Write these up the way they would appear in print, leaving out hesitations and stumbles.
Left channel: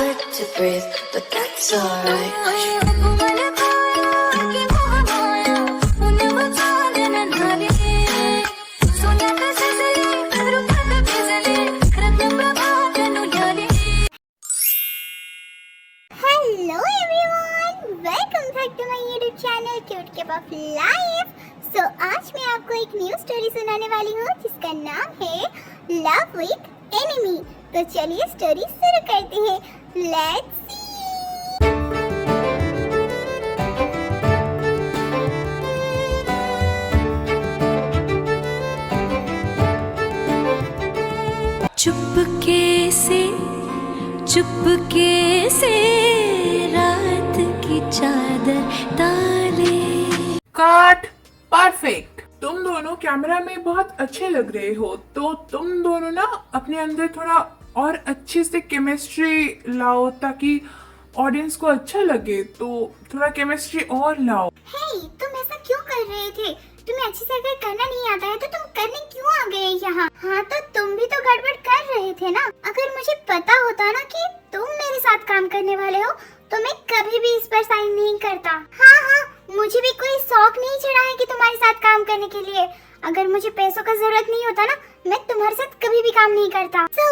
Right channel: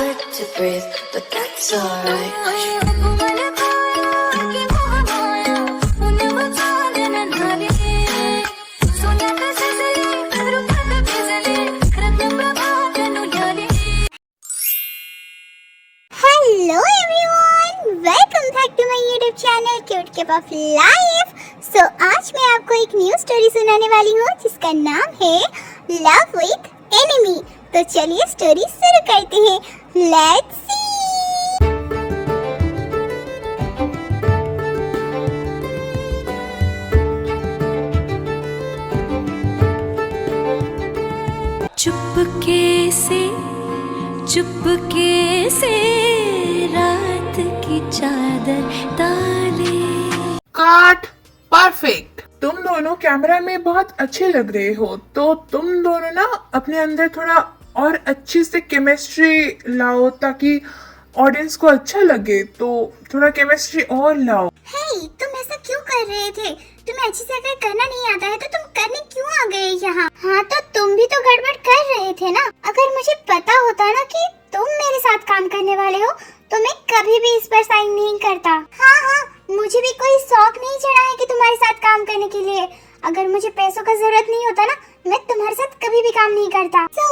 hard to breathe, but that's alright. Hello everyone, welcome back to my YouTube channel Cute Cup of Life. So आज मैं आपको एक new story सुनाने वाली हूँ जिसका नाम है लव विथ एनिमी। तो चलिए स्टोरी शुरू करते हैं। Let's see. चुपके से रात की चादर डाले। Cut perfect. तुम दोनों कैमरा में बहुत अच्छे लग रहे हो, तो तुम दोनों ना अपने अंदर थोड़ा और अच्छे से केमिस्ट्री लाओ ताकि ऑडियंस को अच्छा लगे। तो थोड़ा केमिस्ट्री और लाओ। हे, तुम ऐसा क्यों कर रहे थे? तुम्हें अच्छे से अगर करना नहीं आता है तो तुम करने क्यों आ गए यहाँ? हाँ, तो तुम भी तो गड़बड़ कर रहे थे ना। अगर मुझे पता होता ना कि तुम मेरे साथ काम करने वाले हो तो मैं कभी भी इस पर साइन नहीं करता। हाँ, मुझे भी कोई शौक नहीं चढ़ा है कि तुम्हारे साथ काम करने के लिए। अगर मुझे पैसों का जरूरत नहीं होता ना, मैं तुम्हारे साथ कभी भी काम नहीं करता। तो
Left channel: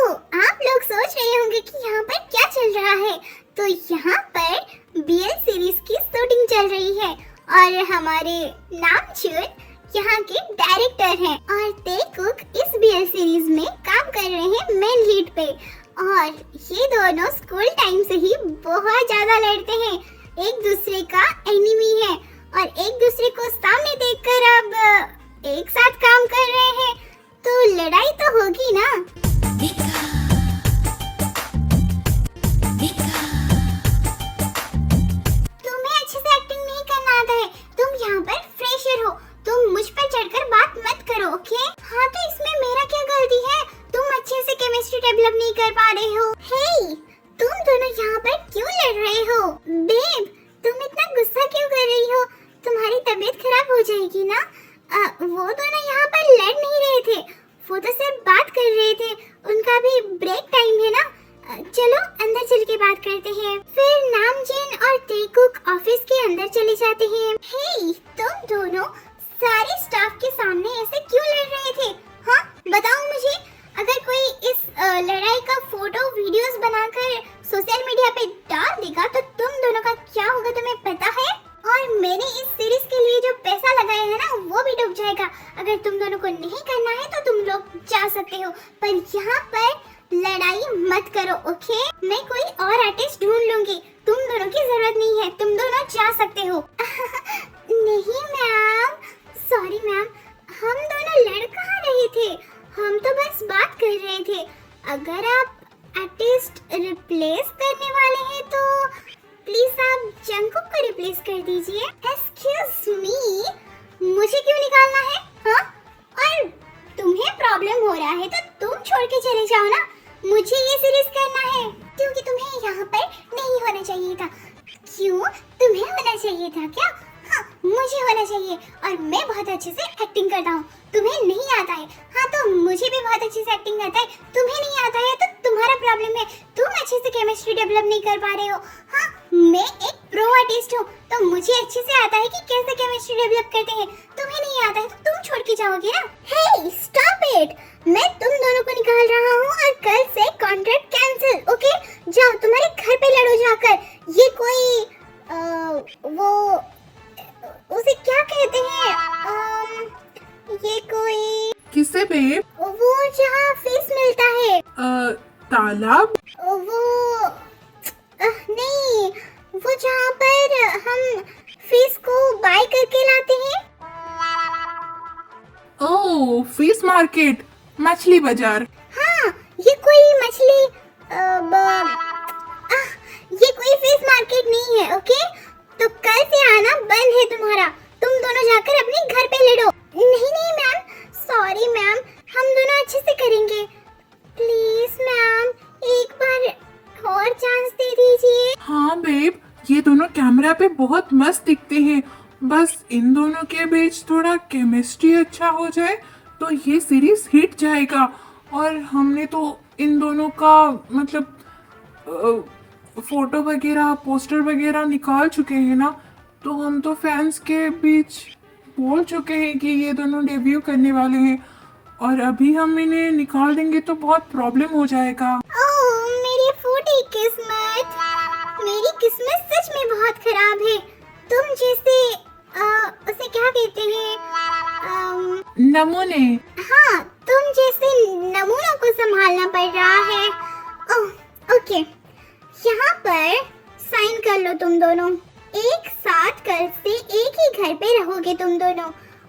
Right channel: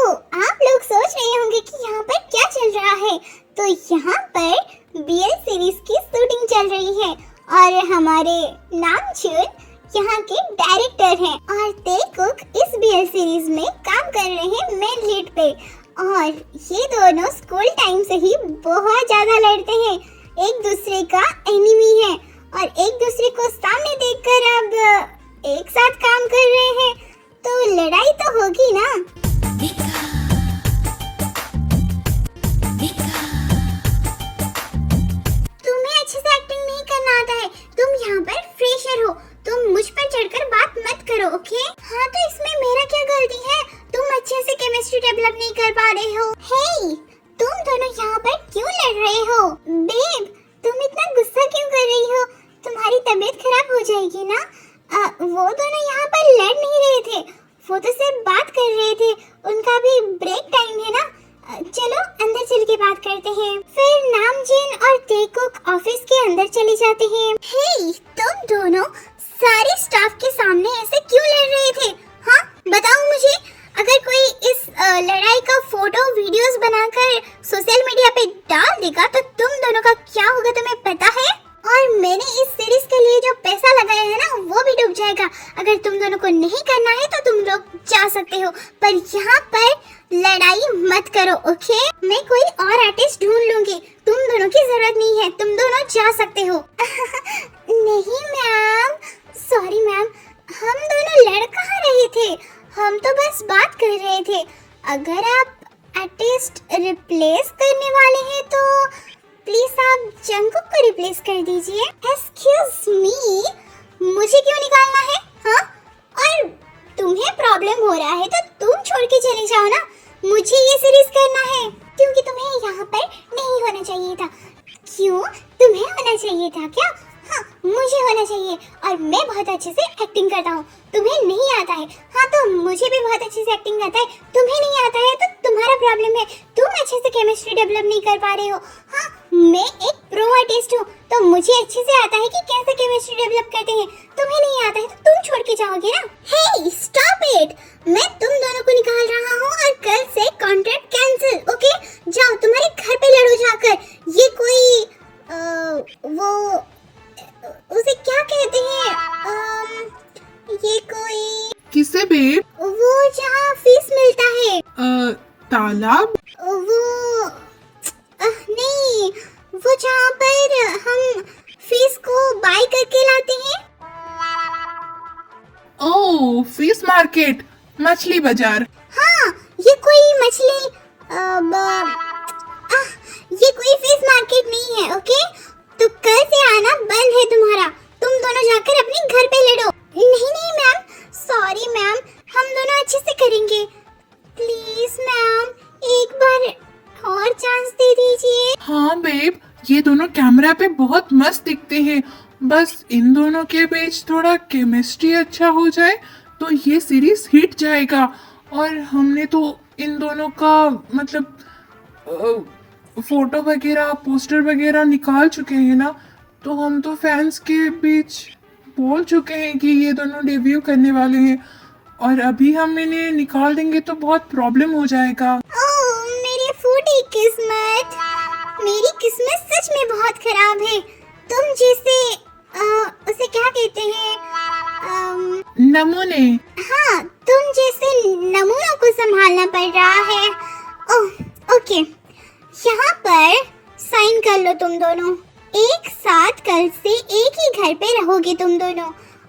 आप लोग सोच रहे होंगे कि यहाँ पर क्या चल रहा है। तो यहाँ पर बीएल सीरीज की शूटिंग चल रही है और हमारे नामचूर यहाँ के डायरेक्टर हैं और ते कुक इस बीएल सीरीज में काम कर रहे हैं मेन लीड पे। और ये दोनों स्कूल टाइम से ही बहुत ज्यादा लड़ते हैं, एक दूसरे का एनिमी है और एक दूसरे को सामने देखकर अब एक साथ काम कर रहे हैं, तो लड़ाई तो होगी ना। तुम्हें अच्छे से एक्टिंग नहीं करना आता है, तुम यहाँ पर फ्रेशर हो, तुम मुझ पर चढ़कर बात मत करो, ओके? हाँ, तो इसमें मेरा क्या गलती है? तुम अच्छे से केमिस्ट्री डेवलप नहीं कर पा रहे हो। हे, तुम दोनों यहाँ पर क्यों लड़ रहे हो? बेब, तुम इतना गुस्सा क्यों कर रही हो? तुम्हारी तबीयत खराब हो जाएगी ना। वो दोनों यहाँ पर लड़ नहीं रहे थे, वो तो सिर्फ बात कर रहे थे। उनका भी ब्रेक टाइम है ना। चलो अंदर चल के बात करते हैं। फिर नामजीन और तेकुक ऑफिस के अंदर चले जाते हैं। हे, तुम दोनों सारे स्टाफ के सामने ऐसे क्यों लड़ रहे थे? हाँ, बताओ मुझे। अगर कोई इस लड़ाई का फोटो वीडियोस बनाकर सोशल मीडिया पे डाल देगा तो तुम दोनों का क्या होगा तुम्हें पता है? और मैंने इस सीरीज के लिए जो पैसा लगाया है ना, वो भी डूब जाएगा। अगर तुम दोनों को नहीं करना है तो तुम लोग जा सकते हो, पर यहाँ पर लड़ाई मत करो, ओके? मैं कोई और आर्टिस्ट ढूंढ लूंगी, तुम दोनों की जरूरत नहीं है, तुम दोनों जा सकते हो। नहीं मैम, सॉरी मैम, हम दोनों लड़ कहाँ रहे थे, हम तो बस बात कर रहे थे। अगर आप आर्टिस्ट रिप्लेस करने वाले हैं तो प्लीज आप जंगकुक को रिप्लेस कर दीजिए। एक्सक्यूज मी, मुझे क्यों निकालना है? हाँ, और तुम्हें प्रॉब्लम हो रहा है तो तुम छोड़ के चले जाओ ना। मुझे ये सीरीज करना है क्योंकि तुम्हें यहाँ पर नहीं होना चाहिए था। क्यों? तुम्हें होना चाहिए था क्या? हाँ, मुझे होना चाहिए और मैं बहुत अच्छे से एक्टिंग करता हूँ, तुम्हें नहीं आता है। हाँ, तो मुझे भी बहुत अच्छे से एक्टिंग आता है, तुम्हें नहीं आता है तो तुम्हारा प्रॉब्लम है। तुम अच्छे से केमिस्ट्री डेवलप नहीं कर पा रहे हो। हाँ, मैं एक प्रो आर्टिस्ट हूँ तो मुझे अच्छे से आता है कि कैसे केमिस्ट्री डेवलप करते हैं। तुम्हें नहीं आता है तो तुम छोड़ के जाओगे ना। हे, स्टॉप इट, मैं तुम दोनों को निकाल रहा हूँ और कल से कॉन्ट्रैक्ट कैंसिल, ओके? जाओ, तुम्हारे घर पे लड़ो जाकर। ये कोई वो उसे क्या कहते हैं? ये कोई किसे बेब? वो जहाँ फीस मिलता है। तालाब? वो नहीं, वो जहाँ पर हम फीस को बाय करके लाते हैं। ओह, फिश मार्केट, मछली बाजार। हाँ, ये कोई मछली ये कोई फिश मार्केट नहीं है, ओके? तो कल से आना बंद है तुम्हारा। तुम दोनों जाकर अपने घर पे लड़ो। नहीं मैम, सॉरी मैम, हम दोनों अच्छे से करेंगे। प्लीज मैम, एक बार और चांस दे दीजिए। हाँ बेब, ये दोनों कैमरा पे बहुत मस्त दिखते हैं, बस इन दोनों के बीच थोड़ा केमिस्ट्री अच्छा हो जाए तो ये सीरीज हिट जाएगा। और हमने तो इन दोनों का मतलब फोटो वगैरह पोस्टर वगैरह निकाल चुके हैं ना, तो हम तो फैंस के बीच बोल चुके हैं कि ये दोनों डेब्यू करने वाले हैं, और अभी हम इन्हें निकाल देंगे तो बहुत प्रॉब्लम हो जाएगा। ओह मेरी फूटी किस्मत, मेरी किस्मत सच में बहुत खराब है। तुम जैसे उसे क्या कहते हैं, नमूने। हाँ, तुम जैसे नमूनों को संभालना पड़ रहा है। ओह ओके, यहाँ पर साइन कर लो तुम दोनों। एक साथ कल से एक ही घर पे रहोगे तुम दोनों,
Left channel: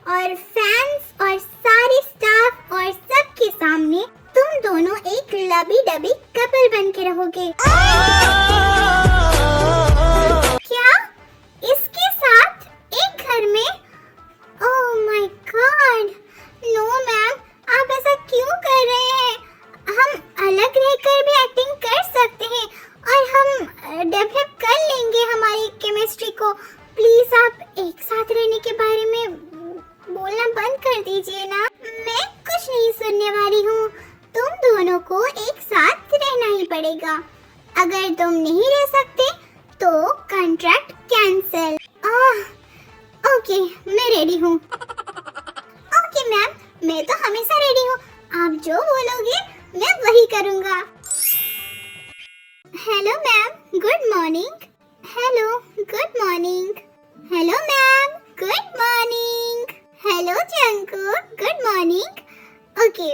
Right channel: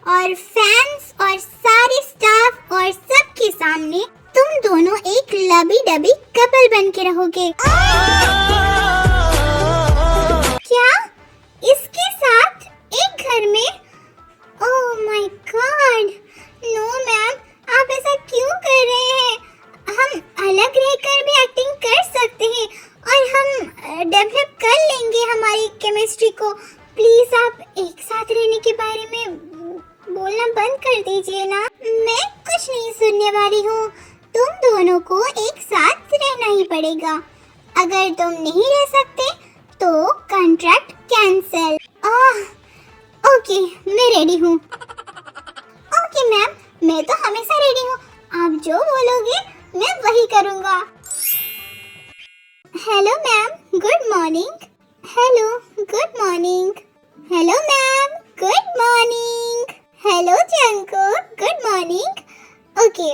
और फैंस और सारे स्टाफ और सबके सामने तुम दोनों एक लबी डबी कपल बन के रहोगे। क्या इसके साथ एक घर में? Oh my god, no ma'am, आप ऐसा क्यों कर रहे हैं? हम अलग रहकर भी एक्टिंग कर सकते हैं और हम डेवलप कर लेंगे हमारी केमिस्ट्री को। प्लीज आप एक साथ रहने के बारे में बोलना बंद कर दीजिए ना। मैं कुछ नहीं सुनने वाली हूँ। तुम दोनों को एक साथ रहना ही पड़ेगा। अगर तुम नहीं रह सकते तो कॉन्ट्रैक्ट कैंसिल। ओके, मैं रेडी हूँ। ओके मैम, मैं तो हमेशा रेडी हूँ। आप जो बोलोगे मैं वही करूँगा। Hello ma'am, good morning. Hello, good morning. Hello ma'am, good morning. Hello Jungkook, good morning. Okay,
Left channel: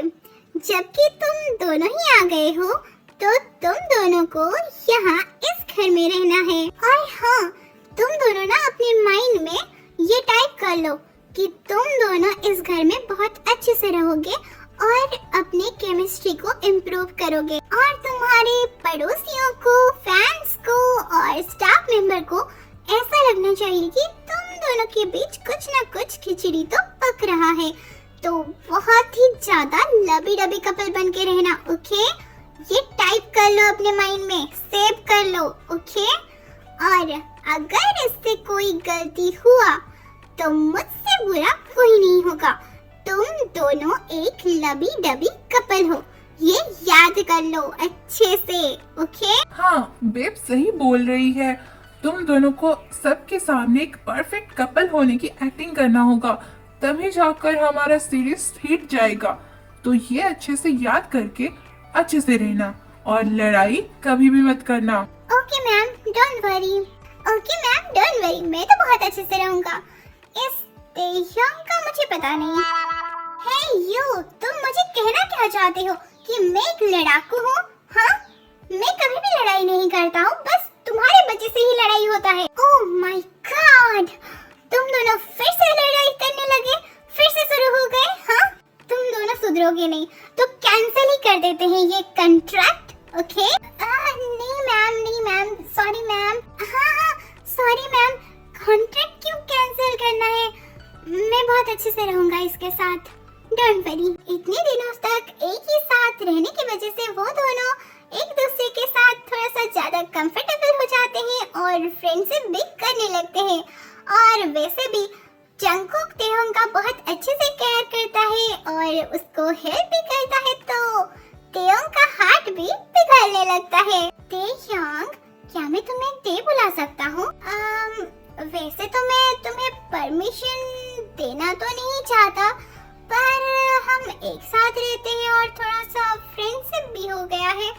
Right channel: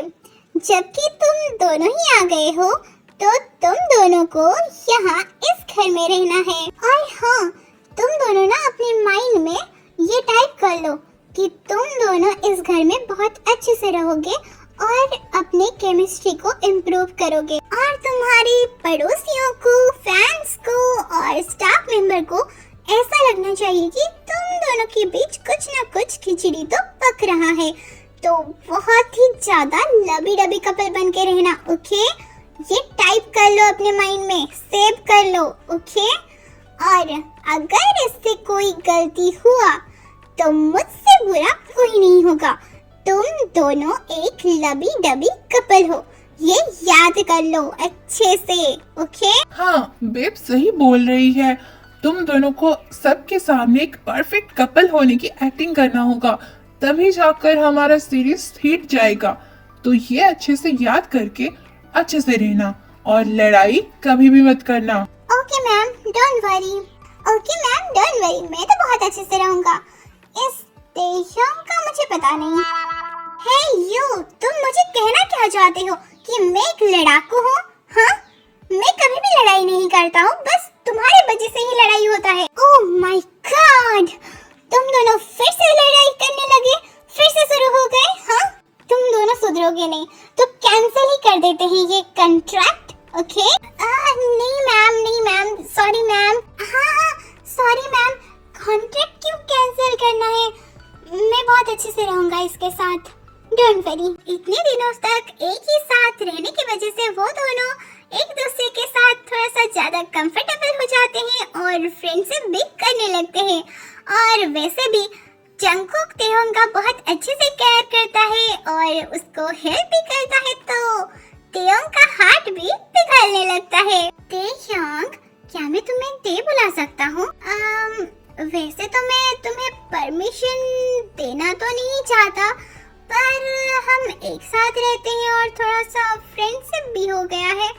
जबकि तुम दोनों ही आ गए हो तो तुम दोनों को यहाँ इस घर में रहना है। और हाँ, तुम दोनों ना अपने माइंड में ये टाइप कर लो कि तुम दोनों इस घर में बहुत अच्छे से रहोगे और अपने केमिस्ट्री को इम्प्रूव करोगे, और तुम्हारे पड़ोसियों को, फैंस को और स्टाफ मेंबर को ऐसा लगना चाहिए कि तुम दोनों के बीच कुछ ना कुछ खिचड़ी तो पक रहा है। तो बहुत ही ज्यादा लबी डबी कपल बन के रहना। ओके, ये टाइप कर लो अपने माइंड में, सेव कर लो। ओके, और अगर इससे कोई गलती हुआ तो मुझसे बुरा कोई नहीं होगा। तुम दोनों एक लबी डबी कपल हो, ये याद कर लो अच्छे से। ओके? हाँ, बेब सही बोल रही है। तुम दोनों को सबके सामने एक परफेक्ट कपल होने की एक्टिंग करना होगा, तभी जाकर हमारा सीरीज हिट जाएगा। तो ये अच्छे से याद करके अच्छे से रहना, और लड़ाई कभी भी मत करना। Okay ma'am, don't worry. Okay ma'am, don't worry, मैं तो बहुत अच्छे से रहूंगा। इस तेजंग का मुझे पता नहीं। हे यू, तुम मुझे कहना क्या चाहते हो कि मैं एक लड़ाकू हूँ? हाँ, मैं कभी भी लड़ाई नहीं करता हूँ, बस तुम्हारे वजह से ही लड़ाई होता है। ओह माय गॉड, तुम दोनों फिर से लड़ाई करने लगे, फिर से शुरू हो गए। हाँ, तुम दोनों सुधरोगे नहीं तो कैंसिल ही कर देते हैं ये कॉन्ट्रैक्ट। ओके? नहीं मैम, नहीं मैम, सॉरी मैम। हाँ, सॉरी मैम, कॉन्ट्रैक्ट क्यों कैंसिल करना है? मैं बहुत अच्छे से रहूंगा इसके साथ, डोंट वरी। इतने दिनों तक एक ही साथ रहने की वजह से वो दोनों एक दूसरे के साथ थोड़ा सा ज्यादा कंफर्टेबल हो जाते हैं और फ्रेंडशिप भी करने लगते हैं। और वैसे भी जंकुक तेयोंग का बहुत अच्छे से केयर करता है और उसको हेल्प भी करता है, तो तेयोंग का हार्ट भी पिघलने लगता है। तेयोंग, क्या मैं तुम्हें ते बुला सकता हूँ? वैसे तो मैं तुम्हें परमिशन देना तो नहीं चाहता, पर हम एक साथ रहते हैं और थोड़ा सा फ्रेंडशिप भी हो गया है,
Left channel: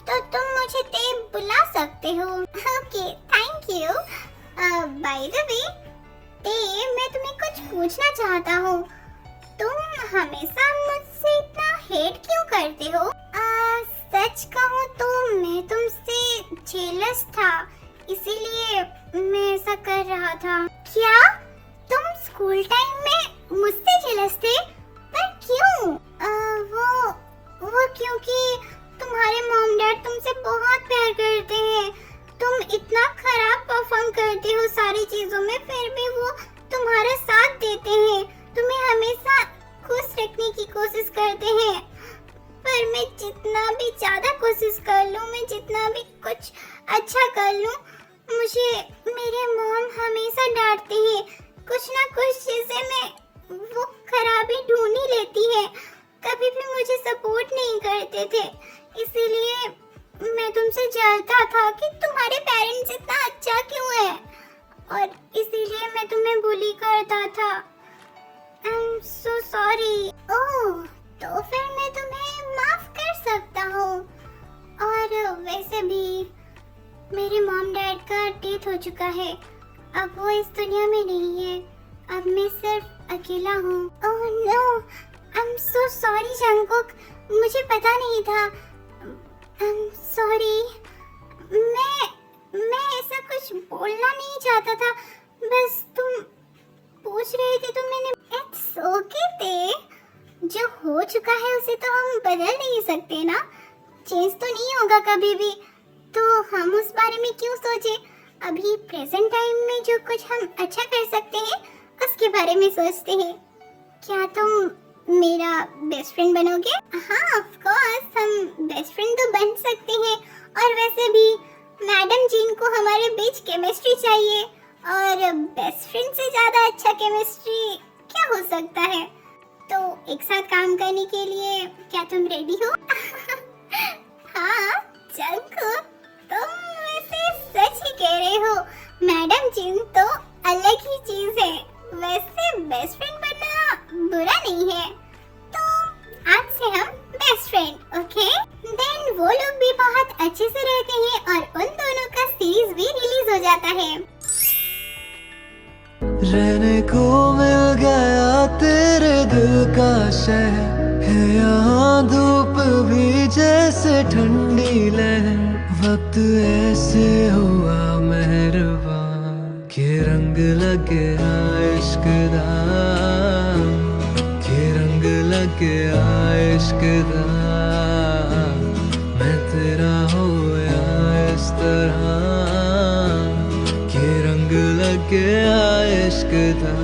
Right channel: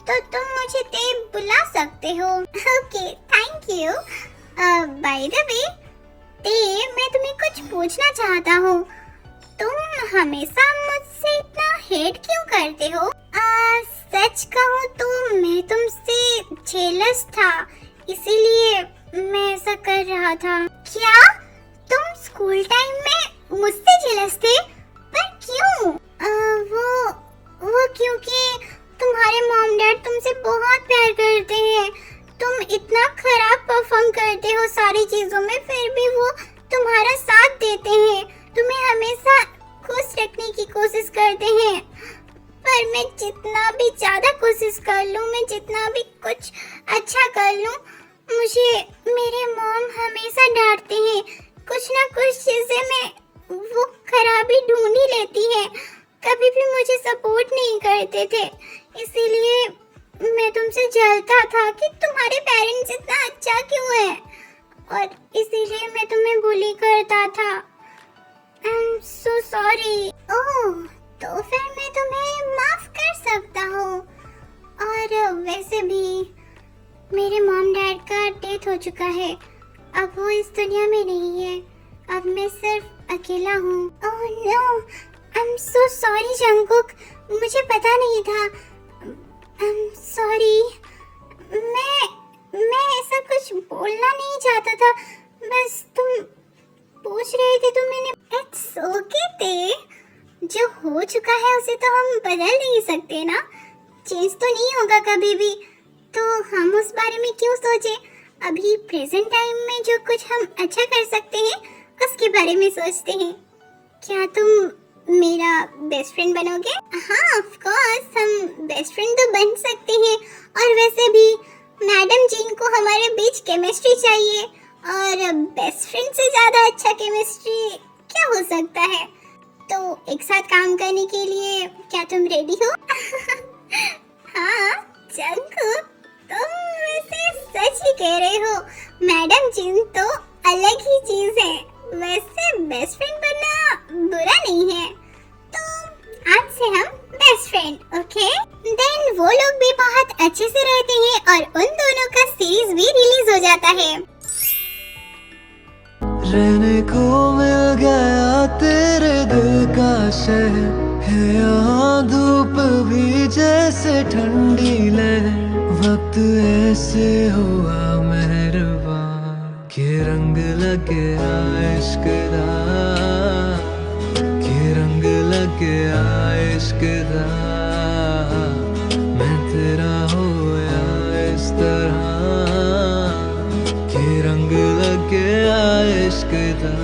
तो तुम मुझे ते बुला सकते हो। Okay, thank you. By the way ते, मैं तुम्हें कुछ पूछना चाहता हूँ। तुम हमेशा मुझसे इतना हेट क्यों करते हो? सच कहूँ तो मैं तुमसे जेलस था, इसीलिए मैं ऐसा कर रहा था। क्या तुम स्कूल टाइम में मुझसे जेलस थे? पर क्यों? वो क्योंकि तुम्हारे मॉम डैड तुमसे बहुत प्यार करते हैं। तुम इतना खराब परफॉर्म करते हो सारी चीजों में, फिर भी वो तुम्हारा साथ देते हैं, तुम्हें हमेशा खुश रखने की कोशिश करते हैं। पर मैं जितना भी ज्यादा कोशिश कर लूं, मैं जितना भी कुछ अच्छा कर लूं, मुझे मेरे मॉम हमेशा डांटती हैं। कुछ ना कुछ चीजें में वो खराबी ढूंढ ही लेती है, कभी भी मुझे सपोर्ट नहीं करते थे। इसीलिए मैं तुमसे जलता था कि तुम मेरे मॉम डैड का डेथ हो चुका है। अब वो इस दुनिया में नहीं है। अब मैं सिर्फ अकेला हूँ। Oh no, I am so sorry Jungkook, मुझे पता नहीं था। I am sorry. मैं ऐसा कुछ बोलना नहीं चाहता था, बस तुम पूछ रहे थे तो मैंने। इट्स ओके ते, जो हो चुका है उसे तो हम बदल नहीं सकते ना, चेंज तो नहीं होगा कभी भी, तो हम उस बारे में क्यों सोचे। अभी प्रेजेंट टाइम में जो कुछ हम अच्छा कर सकते हैं उसके बारे में सोचते हैं। क्या तुम मेरा बेस्ट फ्रेंड बनोगे? हाँ ऑफ कोर्स, हम बेस्ट फ्रेंड तो बन सकते हैं। और वैसे भी मैडम जिन को हमारे बीच केमिस्ट्री चाहिए, और बेस्ट फ्रेंड से ज्यादा अच्छा केमिस्ट्री क्या हो सकता है। तो एक साथ काम करने के लिए क्या तुम रेडी हो? हाँ जंगकुक, तुम वैसे सच ही कह रहे हो। मैडम जिन तो अलग ही चीज है। वैसे बेस्ट फ्रेंड बनना बुरा नहीं है, तो आज से हम बेस्ट फ्रेंड, ओके? देन वो लोग भी बहुत अच्छे से रहते हैं और उन दोनों का सीरीज भी रिलीज हो जाता है। रहने को मिल गया तेरे दिल का शहर है, यहाँ धूप भी जैसे ठंडी लहर। वक्त ऐसे हुआ मेहरबान के रंग लगे इश्क दा, के रंग लगे इश्क दा। मैं तेरा होया इस तरह के रंग लगे इश्क दा।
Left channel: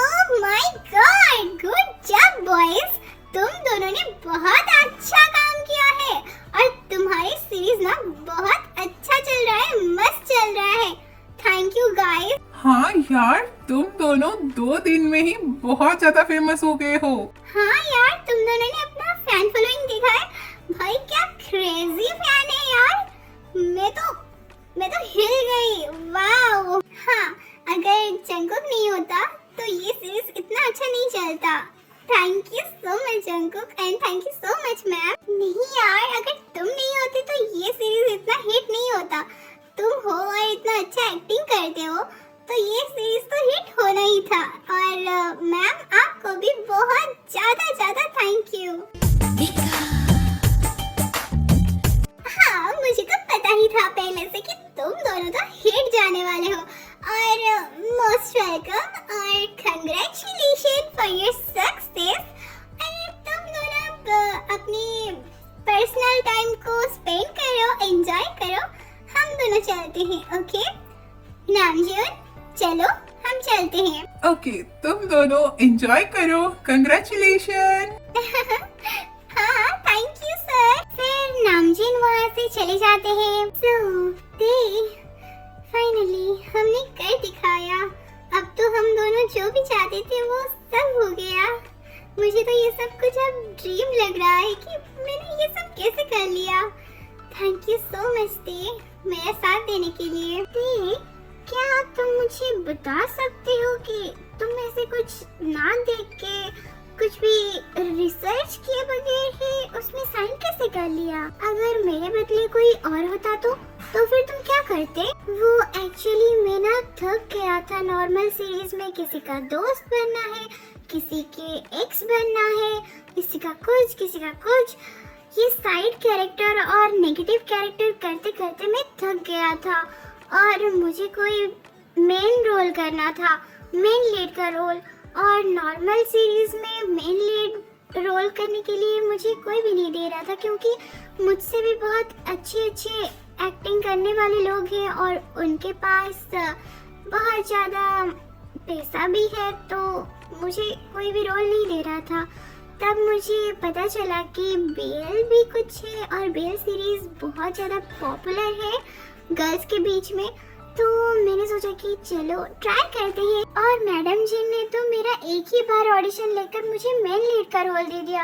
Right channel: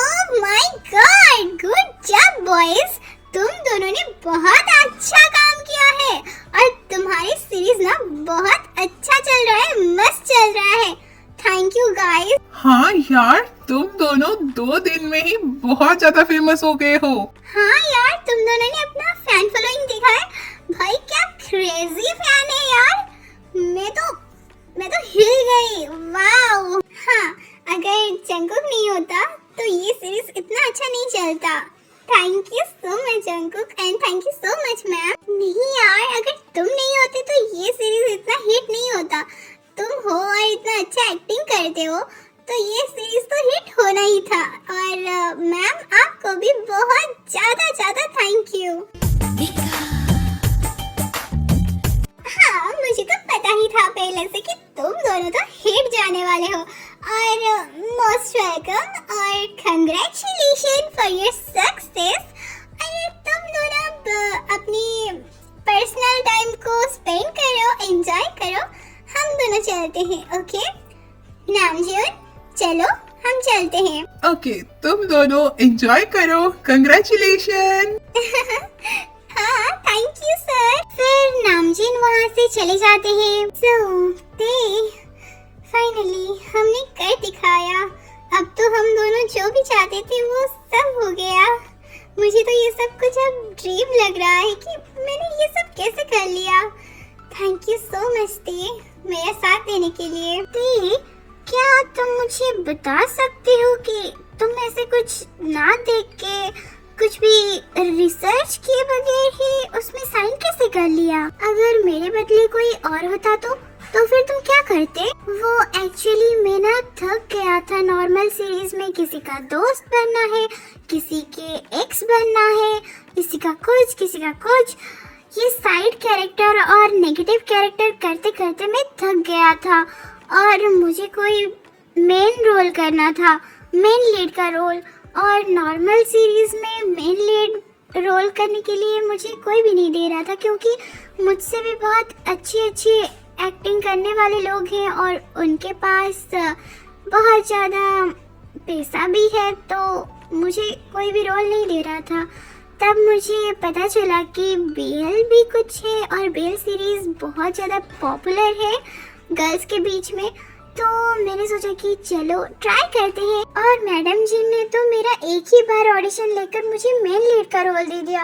ओह my God, good job boys, तुम दोनों ने बहुत अच्छा काम किया है और तुम्हारी सीरीज ना बहुत अच्छा चल रहा है, मस्त चल रहा है। Thank you guys. हाँ यार, तुम दोनों 2 दिन में ही बहुत ज्यादा फेमस हो गए हो। हाँ यार, तुम दोनों ने अपना फैन फॉलोइंग देखा है? भाई क्या क्रेजी फैन है यार। मैं तो हिल गई, वाओ। हाँ, अगर जंगकुक नहीं होता तो ये सीरीज इतना अच्छा नहीं चलता। Thank you so much Jungkook and thank you so much ma'am. नहीं यार, अगर तुम नहीं होते तो ये सीरीज इतना हिट नहीं होता। तुम हो और इतना अच्छा एक्टिंग करते हो तो ये सीरीज तो हिट होना ही था। और मैम आपको भी बहुत ज्यादा थैंक यू। हाँ, मुझे तो पता ही था पहले से कि तुम दोनों तो हिट जाने वाले हो। और मोस्ट वेलकम और कंग्रेचुलेशन फॉर योर सक्सेस। अरे तुम दोनों अब अपनी पर्सनल टाइम को स्पेंड करो, एंजॉय करो। हम दोनों चलते हैं, ओके? नामजून, चलो हम चलते हैं। ओके, तुम दोनों एंजॉय करो। कंग्रेचुलेशन। हाँ थैंक यू सर। फिर नामजीन वहाँ से चले जाते हैं। फाइनली हमने कर दिखाया। अब तो हम दोनों जो भी चाहते थे वो सब हो गया। मुझे तो ये सब कुछ अब ड्रीम लग रहा है कि मैंने ये सब कैसे कर लिया। थैंक यू सो मच ती, मेरा साथ देने के लिए। ती, क्या तुम मुझे बता सकती हो कि तुम ऐसे कुछ ना देख के, कुछ भी रिसर्च किए बगैर ही उसमें साइन कैसे कर लिया? अगर मेरे बदले कोई और होता तो फिर तुम क्या करते? वो एक्चुअली मैं ना थक गया था नॉर्मल सीरीज में। किसी का दोस्त बनना है, किसी के एक्स बनना है, किसी का कुछ। ये साइड कैरेक्टर और नेगेटिव कैरेक्टर करते करते मैं थक गया था और मुझे कोई मेन रोल करना था, मेन लीड का रोल। और नॉर्मल सीरीज में मेन लीड रोल करने के लिए मुझे कोई भी नहीं दे रहा था, क्योंकि मुझसे भी बहुत अच्छी एक्टिंग करने वाले लोग हैं और उनके पास बहुत ज़्यादा पैसा भी है, तो मुझे कोई भी रोल नहीं दे रहा था। तब मुझे पता चला कि बेल भी कुछ है और बेल सीरीज बहुत ज़्यादा पॉपुलर है गर्ल्स के बीच में। तो मैंने सोचा कि चलो ट्राई करते हैं। और मैडम जी ने तो मेरा एक ही बार ऑडिशन लेकर मुझे मेन लीड का रोल दे दिया,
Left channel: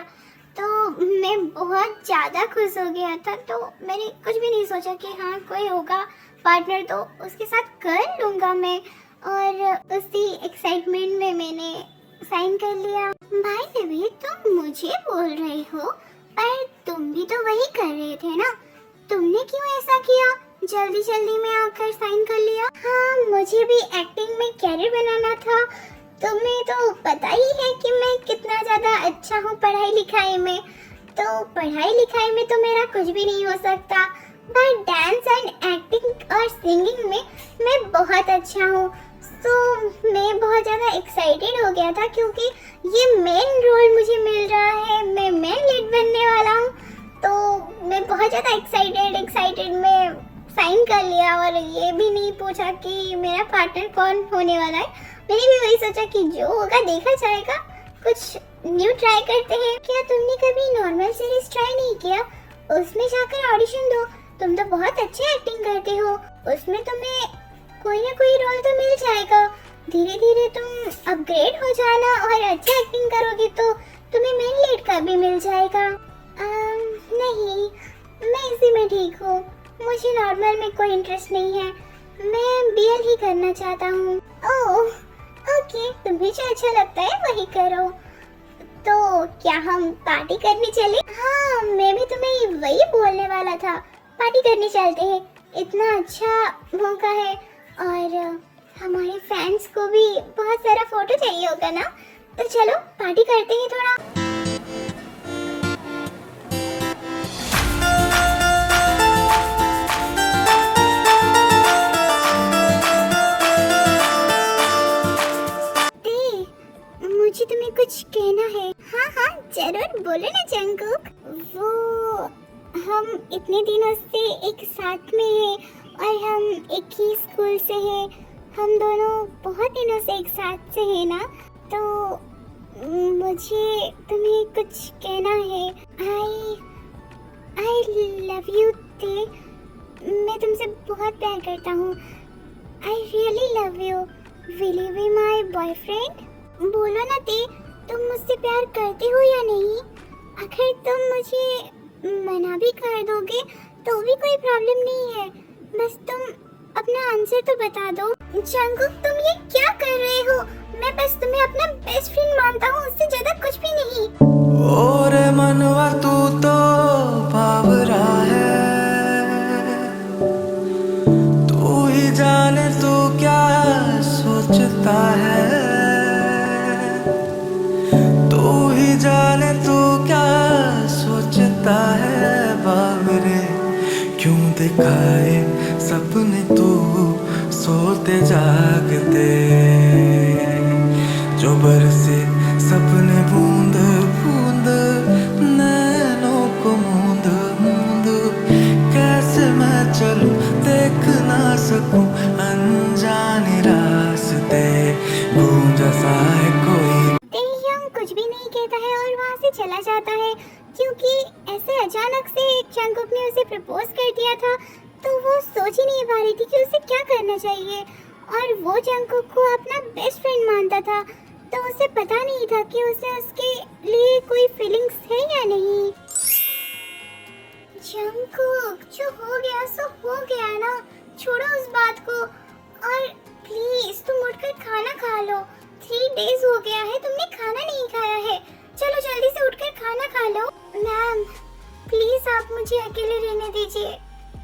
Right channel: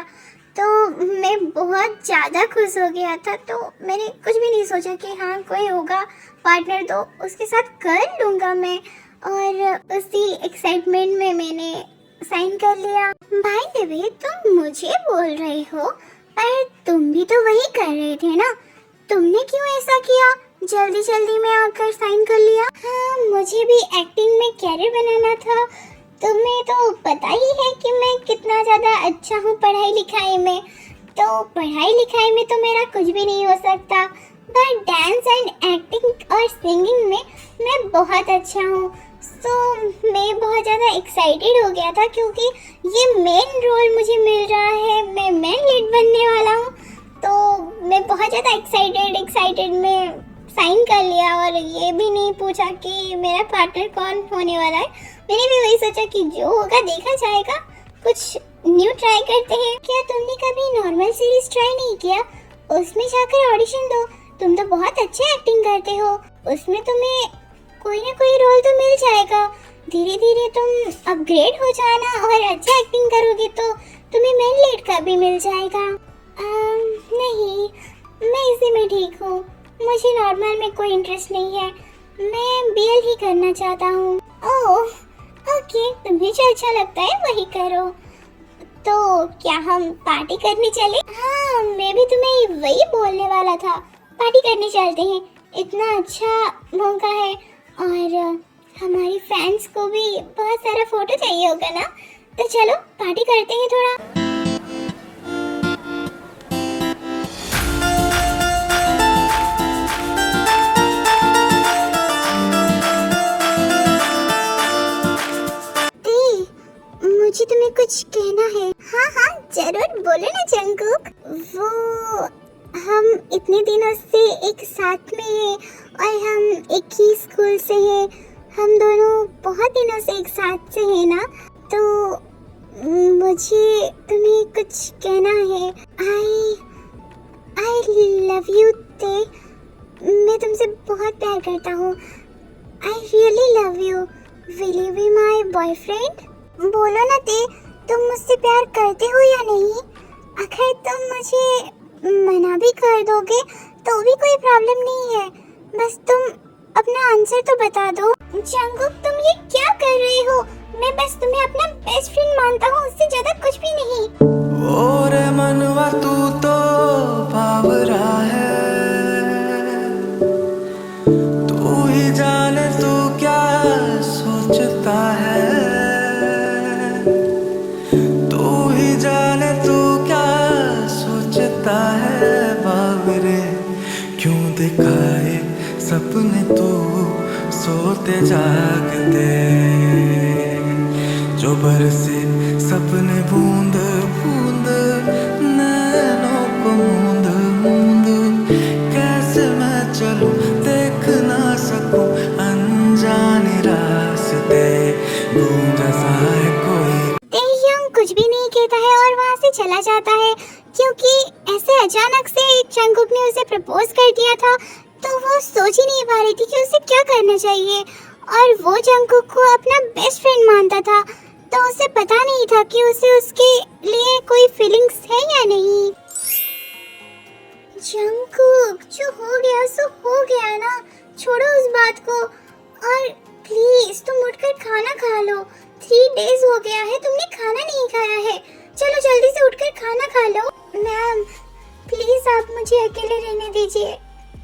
तो मैं बहुत ज़्यादा खुश हो गया था। तो मैंने कुछ भी नहीं सोचा कि हाँ कोई होगा पार्टनर तो उसके साथ कर लूँगा मैं, और उसी एक्साइटमेंट में मैंने साइन कर लिया। भाई देवी, तुम मुझे बोल रही हो, पर तुम भी तो वही कर रहे थे ना, तुमने क्यों ऐसा किया? जल्दी जल्दी में आकर साइन कर लिया। हाँ, मुझे भी एक्टिंग में कैरियर बनाना था। तुम्हें तो पता ही है कि मैं कितना ज्यादा अच्छा हूँ पढ़ाई लिखाई में, तो पढ़ाई लिखाई में तो मेरा कुछ भी नहीं हो सकता, पर डांस एंड एक्टिंग और सिंगिंग में मैं बहुत अच्छा हूँ। तो मैं बहुत ज़्यादा एक्साइटेड हो गया था क्योंकि ये मेन रोल मुझे मिल रहा है, मैं मेन लीड बनने वाला हूँ। तो मैं बहुत ज़्यादा एक्साइटेड में साइन कर लिया और ये भी नहीं पूछा कि मेरा पार्टनर कौन होने वाला है। मैंने भी वही सोचा कि जो होगा देखा जाएगा, कुछ न्यू ट्राई करते हैं। क्या तुमने कभी नॉर्मल सीरीज ट्राई नहीं किया? उसमें जाकर ऑडिशन दो, तुम तो बहुत अच्छी एक्टिंग करते हो, उसमें तुम्हें कोई ना कोई रोल तो मिल जाएगा। धीरे धीरे तुम अपग्रेड हो जाना और अच्छी एक्टिंग करोगे तो तुम्हें मेन लीड का भी मिल जाएगा। नहीं, मैं इसी में ठीक हूँ, मुझे नॉर्मल में कोई इंटरेस्ट नहीं है, मैं बीएल ही करना चाहता हूँ। ओह ओके, तुम्हें जो अच्छा लगता है वही करो। तो क्या हम पार्टी करने चले? हाँ, मैं भी तुम्हें वही बोलने वाला था, पार्टी करने चलते हैं। इतना अच्छा मौका है और हमारे फैंस को भी बहुत सारा फोटो चाहिए होगा ना, तो चलो पार्टी करते हैं थोड़ा। मुझे तुम्हें कुछ कहना है। हाँ हाँ जरूर, बोलो ना जंगकुक। वो हम इतने दिनों से एक साथ में हैं और हम एक ही स्कूल से हैं, हम दोनों बहुत दिनों से एक साथ से हैं ना, तो मुझे तुम्हें कुछ कहना है। आई लव यू ते, मैं तुमसे बहुत प्यार करता हूँ। I really love you, will you be my boyfriend? बोलो ना ते, तुम मुझसे प्यार करते हो या नहीं? अगर तुम मुझे मना भी कर दोगे तो भी कोई प्रॉब्लम नहीं है, बस तुम अपना आंसर तो बता दो। जंगकुक, तुम ये क्या कर रहे हो? मैं बस तुम्हें अपना बेस्ट फ्रेंड मानता हूँ, उससे ज्यादा कुछ भी नहीं। ओरे मनवा तू तो बावरा है, तू ही जाने तू क्या सोचता है, तू ही जाने तू क्या सोचता है। बावरे क्यों दिखाए सपने तू सोते जागते, जो बरसे सपने बूंद बूंद नैनों को मूंद मूंद, कैसे मैं चलूं देख ना सकूं अनजाने रास्ते, गूंज सा है कोई। कुछ भी नहीं कहता है और वहाँ से चला जाता है क्योंकि ऐसे अचानक से जंगकुक ने उसे प्रपोज कर दिया था, तो वो सोच ही नहीं पा रही थी कि उसे क्या करना चाहिए। और वो जंगकुक को अपना बेस्ट फ्रेंड मानता था, तो उसे पता नहीं था कि उसे उसके लिए कोई फीलिंग्स है या नहीं। जंगकुक, जो हो गया सो हो गया ना, छोड़ो उस बात को और प्लीज तुम उठकर खाना खा लो। 3 डेज हो गया है तुमने खाना नहीं खाया है, चलो जल्दी से उठकर खाना खा लो। मैम प्लीज आप मुझे अकेले रहने दीजिए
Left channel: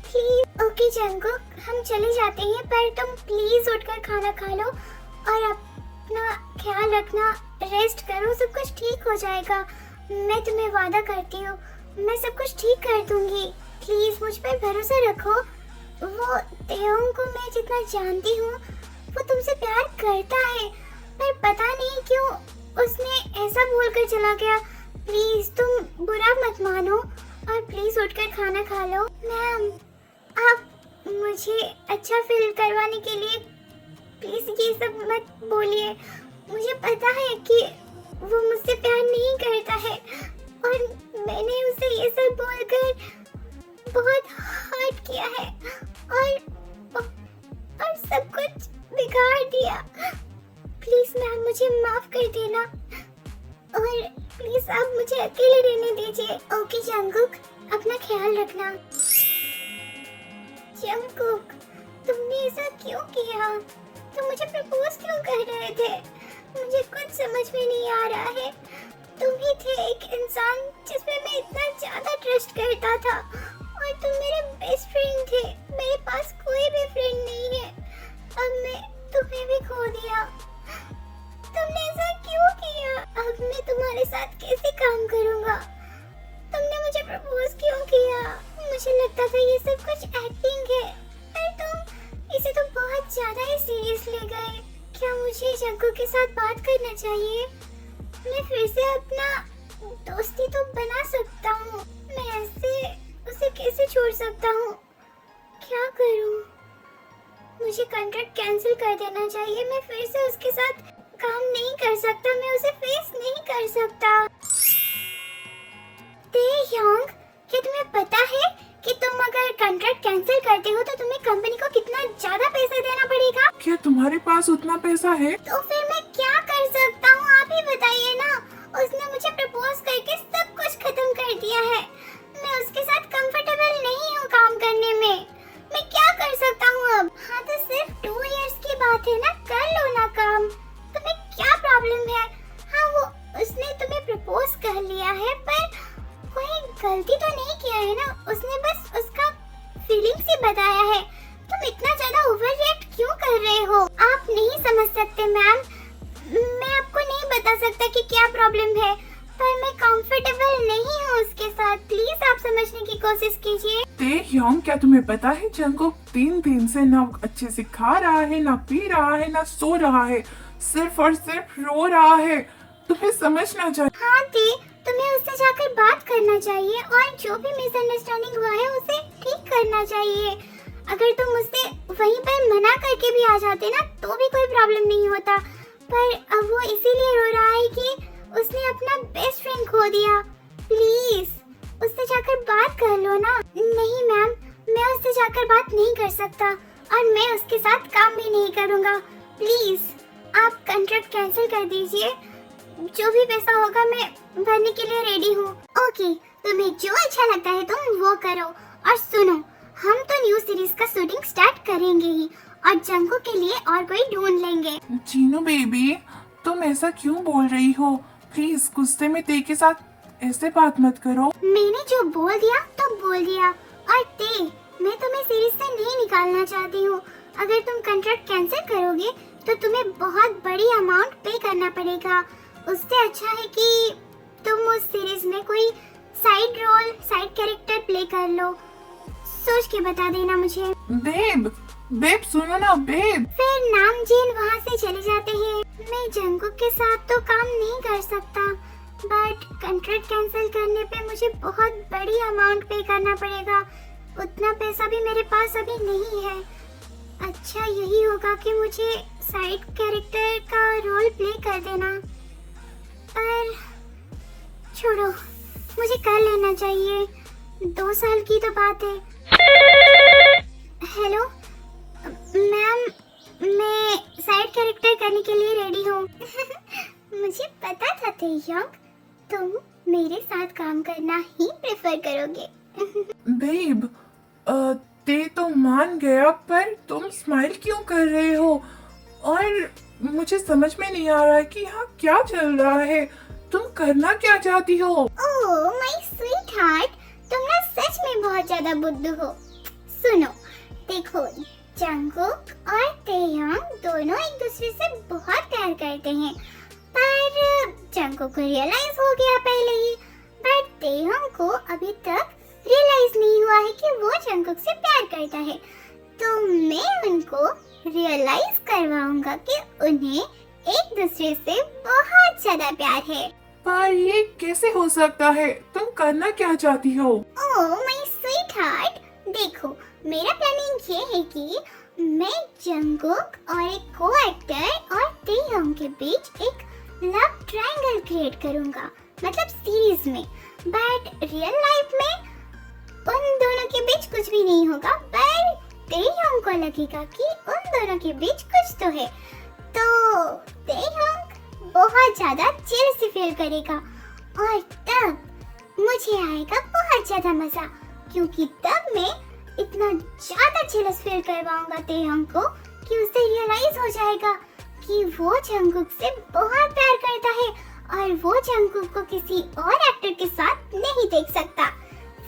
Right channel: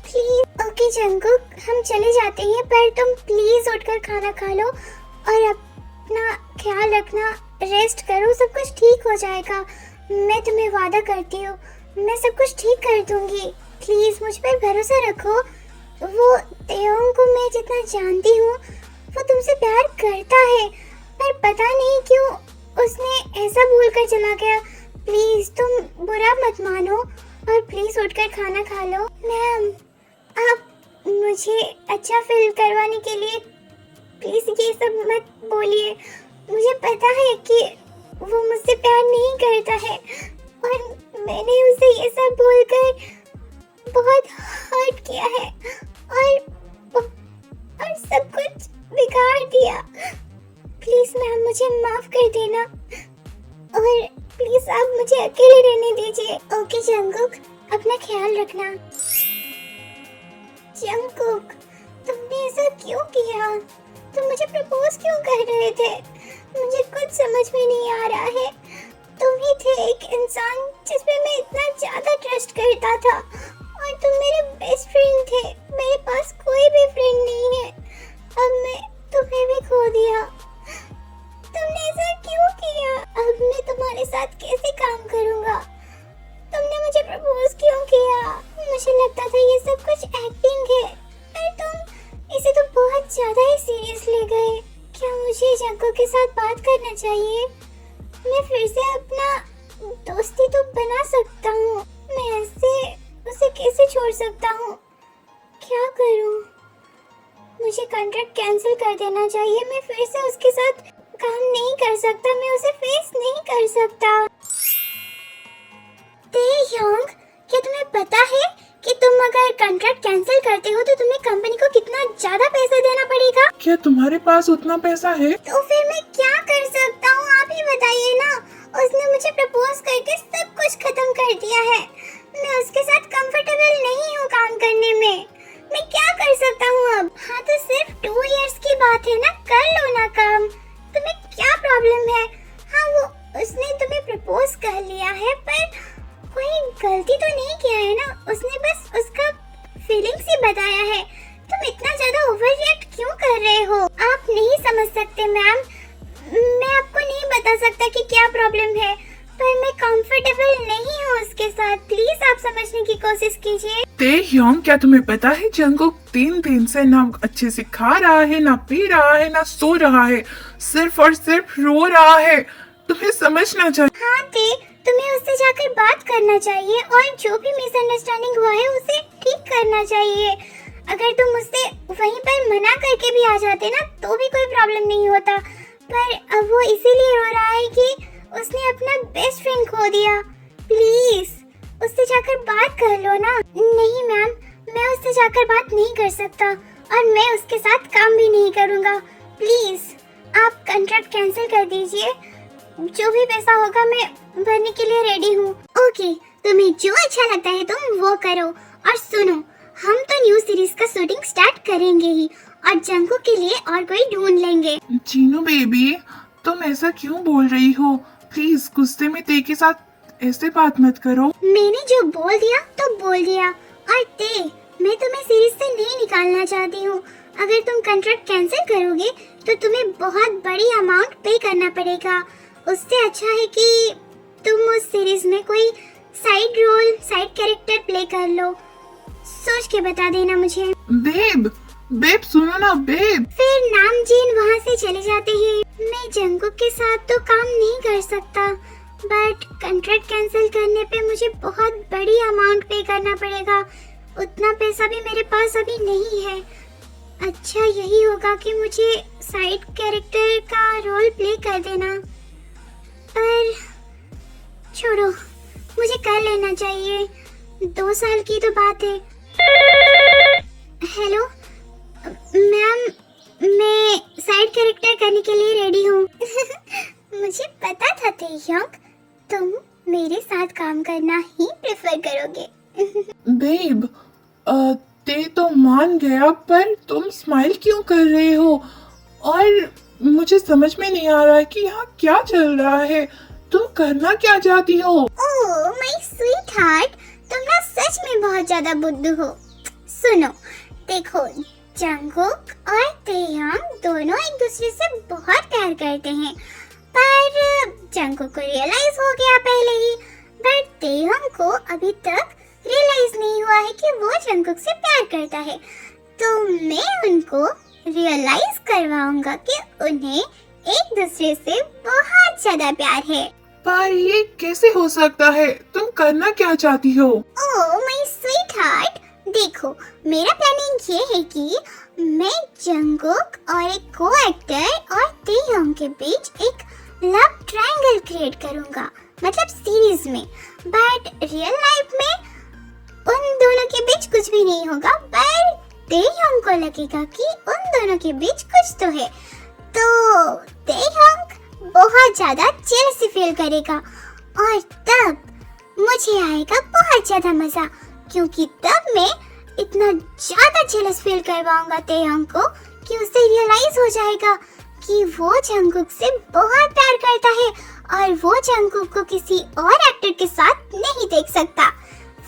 प्लीज। ओके जंगकुक, हम चले जाते हैं, पर तुम प्लीज उठकर खाना खा लो और अपना ख्याल रखना, रेस्ट करो, सब कुछ ठीक हो जाएगा। मैं तुम्हें वादा करती हूँ, मैं सब कुछ ठीक कर दूंगी, प्लीज मुझ पर भरोसा रखो। वो तेयोंग को मैं जितना जानती हूँ वो तुमसे प्यार करता है, पर पता नहीं क्यों उसने ऐसा बोलकर चला गया। प्लीज तुम बुरा मत मानो और प्लीज उठकर खाना खा लो। मैम आप मुझे अच्छा फील करवाने के लिए प्लीज ये सब मत बोलिए, मुझे पता है कि वो मुझसे प्यार नहीं करता है और मैंने उसे ये सब बोलकर बहुत हर्ट किया है और सब कुछ बिगाड़ दिया। प्लीज मैम मुझे माफ कर देना और प्लीज आप मुझे अकेले रहने दीजिए। ओके जंगकुक, अपना ख्याल रखना। जंगकुक, तुमने ऐसा क्यों किया? तुम मुझे प्रपोज क्यों कर रहे थे? मुझे कुछ समझ में नहीं आ रहा है। तुम ही थे एक इंसान जिस पे मैं इतना ज्यादा ट्रस्ट करता था बेस्ट फ्रेंड थे, मेरे पास कोई भी फ्रेंड नहीं है। अब मैं तुम्हें भी खो दिया। तुमने ऐसा क्यों किया? अब मैं तुम्हारे साथ कैसे काम करूँगा? तुमने मुझे प्रपोज क्यों किया? मुझे लगता था ये सब कुछ एक्टिंग है, पर तुम इसे तो बहुत ज्यादा ही सीरियस ले गए। क्या मुझे जंगू के साथ बात करना चाहिए? मैं फिर से अपना दोस्ती तो बना सकता हूँ। मैं ऐसे उसे कैसे छोड़ सकता हूँ? क्या करूँ? मुझे कॉन्ट्रैक्ट कैंसिल कर देना चाहिए। मैं फिर से उसके साथ काम नहीं कर सकता, मैं उसे फेस नहीं कर सकता। तेयोंग, क्या तुम्हें पता है कि तुम अगर कॉन्ट्रैक्ट कैंसिल करते हो तो तुम्हें कंपनी को कितना ज्यादा पैसा देना पड़ेगा? क्या तुम्हारे पास उतना पैसा है? तो फिर मैं क्या कर सकता हूँ, आप ही बताइए ना। उसने मुझे प्रपोज करके सब कुछ खत्म कर दिया है। मैं उसके साथ कंफर्टेबल नहीं हूँ काम करने में। मैं क्या कर सकता हूँ अब? हाँ तो सिर्फ 2 इयर्स की बात है ना, कर लो ना काम। तुम्हें क्या प्रॉब्लम है? हाँ वो उसने तुम्हें प्रपोज कर लिया है, पर कोई गलती तो नहीं किया है ना। उसने बस उसका फीलिंग्स ही बताया है। तुम इतना ज्यादा ओवर रिएक्ट क्यों कर रहे हो? आप नहीं समझ सकते मैम। मैं आपको नहीं बता सकता कि क्या प्रॉब्लम है, पर मैं कंफर्टेबल नहीं हूँ उसके साथ। प्लीज आप समझने की कोशिश कीजिए। तेयोंग, क्या तुम्हें पता है जंगकुक 3 दिन से ना अच्छे से खा रहा है, ना पी रहा है, ना सो रहा है, सिर्फ और सिर्फ रो रहा है। तुम्हें समझना चाहिए। हाँ ते, तुम्हें उससे जाकर बात करना चाहिए और जो भी मिसअंडरस्टैंडिंग हुआ है उसे ठीक करना चाहिए। अगर तुम उससे वहीं पर मना करके भी आ जाते ना तो भी कोई प्रॉब्लम नहीं होता, पर अब वो इसीलिए रो रहा है कि उसने अपना बेस्ट फ्रेंड खो दिया। प्लीज उससे जाकर बात कर लो ना। नहीं मैम, मैं उससे जाकर बात नहीं कर सकता और मैं उसके साथ काम भी नहीं करूँगा। प्लीज आप कॉन्ट्रैक्ट कैंसिल कर दीजिए। जो भी पैसा होगा मैं भरने के लिए रेडी हूँ। ओके, तुम्हें जो अच्छा लगता है तुम वो करो। और सुनो, हम तो न्यू सीरीज का शूटिंग स्टार्ट करेंगे ही और जंगू के लिए और कोई ढूंढ लेंगे। जीनू बेबी, तुम ऐसा क्यों बोल रही हो? प्लीज गुस्से में ते के साथ ऐसे बात मत करो। मैंने जो बोल दिया तो बोल दिया। और ते, मैं तुम्हें सीरीज से नहीं निकालना चाहती हूँ। अगर तुम कॉन्ट्रैक्ट कैंसिल करोगे तो तुम्हें बहुत बड़ी अमाउंट पे करना पड़ेगा। उससे अच्छा है कि तुम उस सीरीज में कोई side role, side character play कर लो। सोच के बता देना मुझे। बेब सुनो ना बेब। फिर नामजीन वहाँ से चले जाते हैं। मैं जंगकुक के साथ तो काम नहीं कर सकता, बट कॉन्ट्रैक्ट कैंसिल करने पे मुझे बहुत बड़ी अमाउंट पे करना पड़ेगा। उतना पैसा भी मेरे पास अभी नहीं है। अच्छा यही होगा कि मुझे साइड कैरेक्टर का रोल प्ले कर देना, पर छोड़ो, मुझे कर लेना चाहिए। 2 साल की तो बात है। हेलो मैम, मैं साइड कैरेक्टर करने के लिए रेडी हूँ। मुझे पता था तेयोंग, तुम मेरे साथ काम करना ही प्रेफर करोगे। बेब, ते तो मान गया, पर तुम स्माइल क्यों कर रहे हो? और मुझे समझ में नहीं आ रहा है कि यहाँ क्या चल रहा है। तुम करना क्या चाहती हो? ओह माय स्वीट हार्ट, तुम ना सच में बहुत ज्यादा बुद्धू हो। सुनो, देखो, जंगकुक और तेयोंग दोनों एक दूसरे से बहुत प्यार करते हैं, पर जंगकुक को रियलाइज हो गया पहले ही, बट तेयोंग को अभी तक रियलाइज नहीं हुआ है कि वो जंगकुक से प्यार करता है। तो मैं उनको रियलाइज करवाऊंगा कि उन्हें एक दूसरे से बहुत ज्यादा प्यार है। पर ये कैसे हो सकता है? तुम करना क्या चाहती हो? ओह माय स्वीट हार्ट, देखो, मेरा प्लानिंग ये है कि मैं जंगकुक और एक को एक्टर और तेयोंग के बीच एक लव ट्रायंगल क्रिएट करूंगा, मतलब सीरीज में। बट रियल लाइफ में उन दोनों के बीच कुछ भी नहीं होगा, पर तेयोंग को लगेगा कि उन दोनों के बीच कुछ तो है। तो तेयोंग बहुत ज्यादा जेलसी फील करेगा और तब मुझे आएगा बहुत ज्यादा मजा, क्योंकि तब मैं इतना ज्यादा जेलस फील करवाऊंगा तेयोंग को कि उसे रियलाइज हो जाएगा कि वो जंगकुक से बहुत प्यार करता है और वो जंगकुक को किसी और एक्टर के साथ नहीं देख सकता।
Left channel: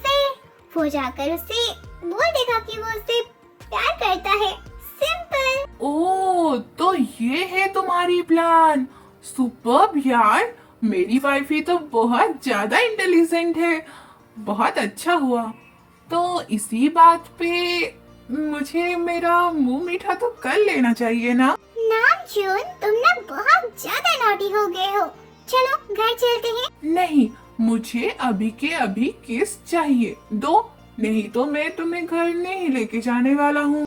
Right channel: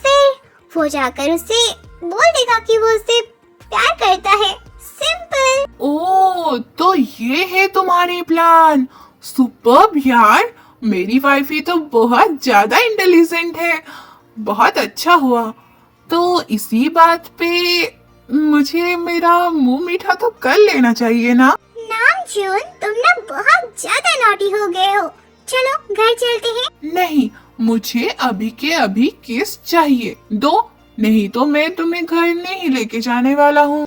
फिर वो जाकर उससे बोल देगा कि वो उससे प्यार करता है। सिंपल। ओह, तो ये है तुम्हारी प्लान। सुपर्ब यार, मेरी वाइफी तो बहुत ज्यादा इंटेलिजेंट है। बहुत अच्छा हुआ। तो इसी बात पे मुझे मेरा मुंह मीठा तो कर लेना चाहिए ना। नामजून, तुम ना बहुत ज्यादा नॉटी हो गए हो। चलो घर चलते हैं। नहीं, मुझे अभी के अभी किस चाहिए। दो, नहीं तो मैं तुम्हें घर नहीं लेके जाने वाला हूँ।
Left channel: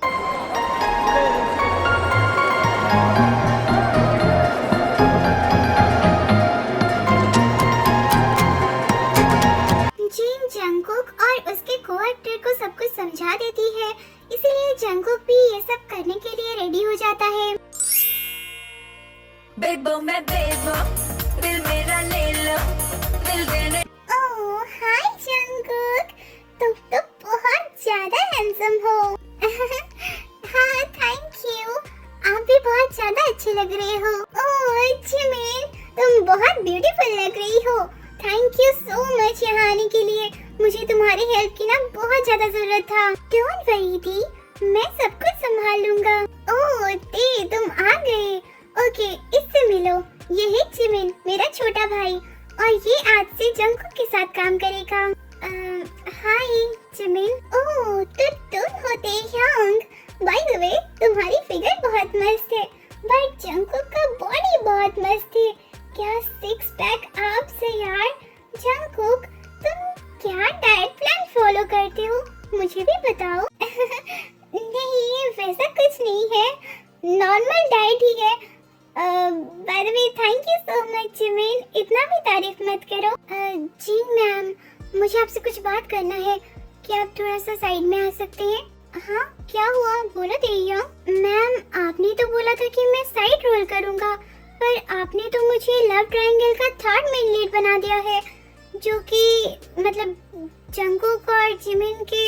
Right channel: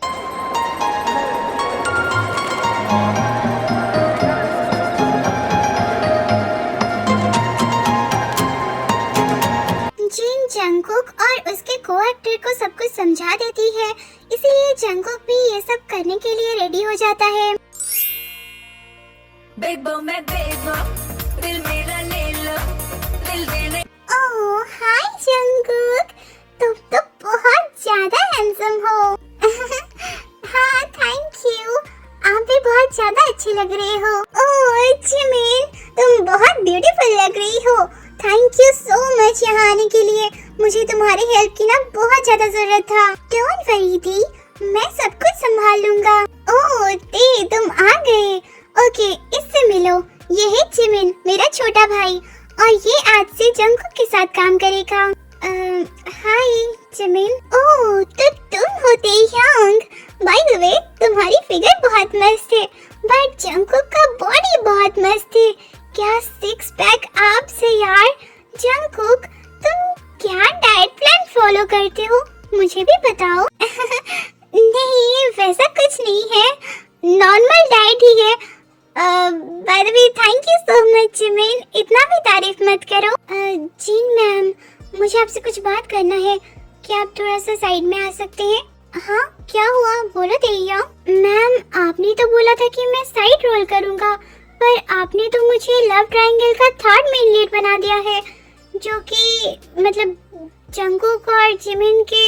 जिन जंगकुक और उसके को-एक्टर को सब कुछ समझा देती है, इसीलिए जंगकुक भी ये सब करने के लिए रेडी हो जाता है। बेबो मैं बेबो, दिल मेरा ले लो, दिल देने। ओह हाय जंगकुक, तुम तो बहुत ज्यादा हैंडसम हो। हाँ थैंक यू, आप भी बहुत ज्यादा अच्छे लग रहे हो। ओह जिमिन, तुम बहुत ब्यूटीफुल लग रही हो। थैंक यू सो मच यहाँ आने के लिए। मुझे तुम्हारी हेल्प की ना बहुत ज्यादा जरूरत था। डोंट वरी दी, मैं सब कुछ संभाल लूंगा। ओह दी, तुम आ गए। ओके, इससे मिलो। ये है जिमिन, मेरा छोटा भाई, और ये आज से जंगकुक के साथ काम करेगा। हाय जिमिन। ओह तो तुम हो तेह्यांग। बाय द वे, तुम्हारी फिगर बहुत मस्त है, बट जंगकुक का बॉडी बहुत मस्त है। क्या सिक्स पैक एब्स है यार। जंगकुक, तुम क्या डाइट प्लान फॉलो करते हो, मुझे भी बताओ। नहीं वैसा कुछ नहीं है, नॉर्मल डाइट ही है। By the way thank you so much Jimin, इतना भी तारीफ मत करो। जी मैम, मुझे आपसे कुछ बात करना है, क्या आप थोड़ा सा साइड में आ सकते हैं? हाँ क्या हुआ, बोलो देहिया। मैम आपने तो बोला था कि मैं साइड रोल करूँगा, पर आपने तो मुझे लव ट्रायंगल का थर्ड मेन लीड बना दिया है, जो कि मतलब जंगकुक और जिमिन के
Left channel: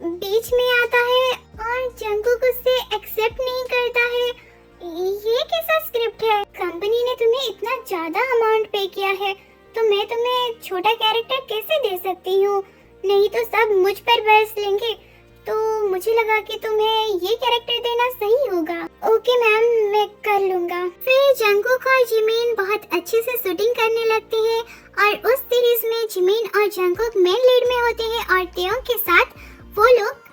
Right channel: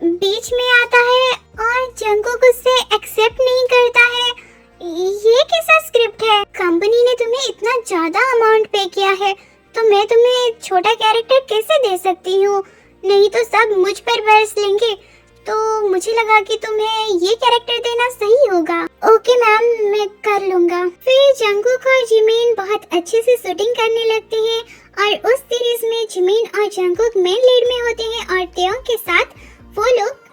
बीच में आता है, और जंगकुक उससे एक्सेप्ट नहीं करता है। ये कैसा स्क्रिप्ट है? कंपनी ने तुम्हें इतना ज्यादा अमाउंट पे किया है, तो मैं तुम्हें छोटा कैरेक्टर कैसे दे सकती हूँ? नहीं तो सब मुझ पर बरस लेंगे, तो मुझे लगा कि तुम्हें ये कैरेक्टर देना सही होगा। ओके मैम, मैं कर लूंगा। फिर जंगकुक और जिमिन बहुत अच्छे से शूटिंग करने लगते हैं, और उस सीरीज में जिमिन और जंगकुक मेन लीड में होते हैं, और तेयोंग के साथ वो लोग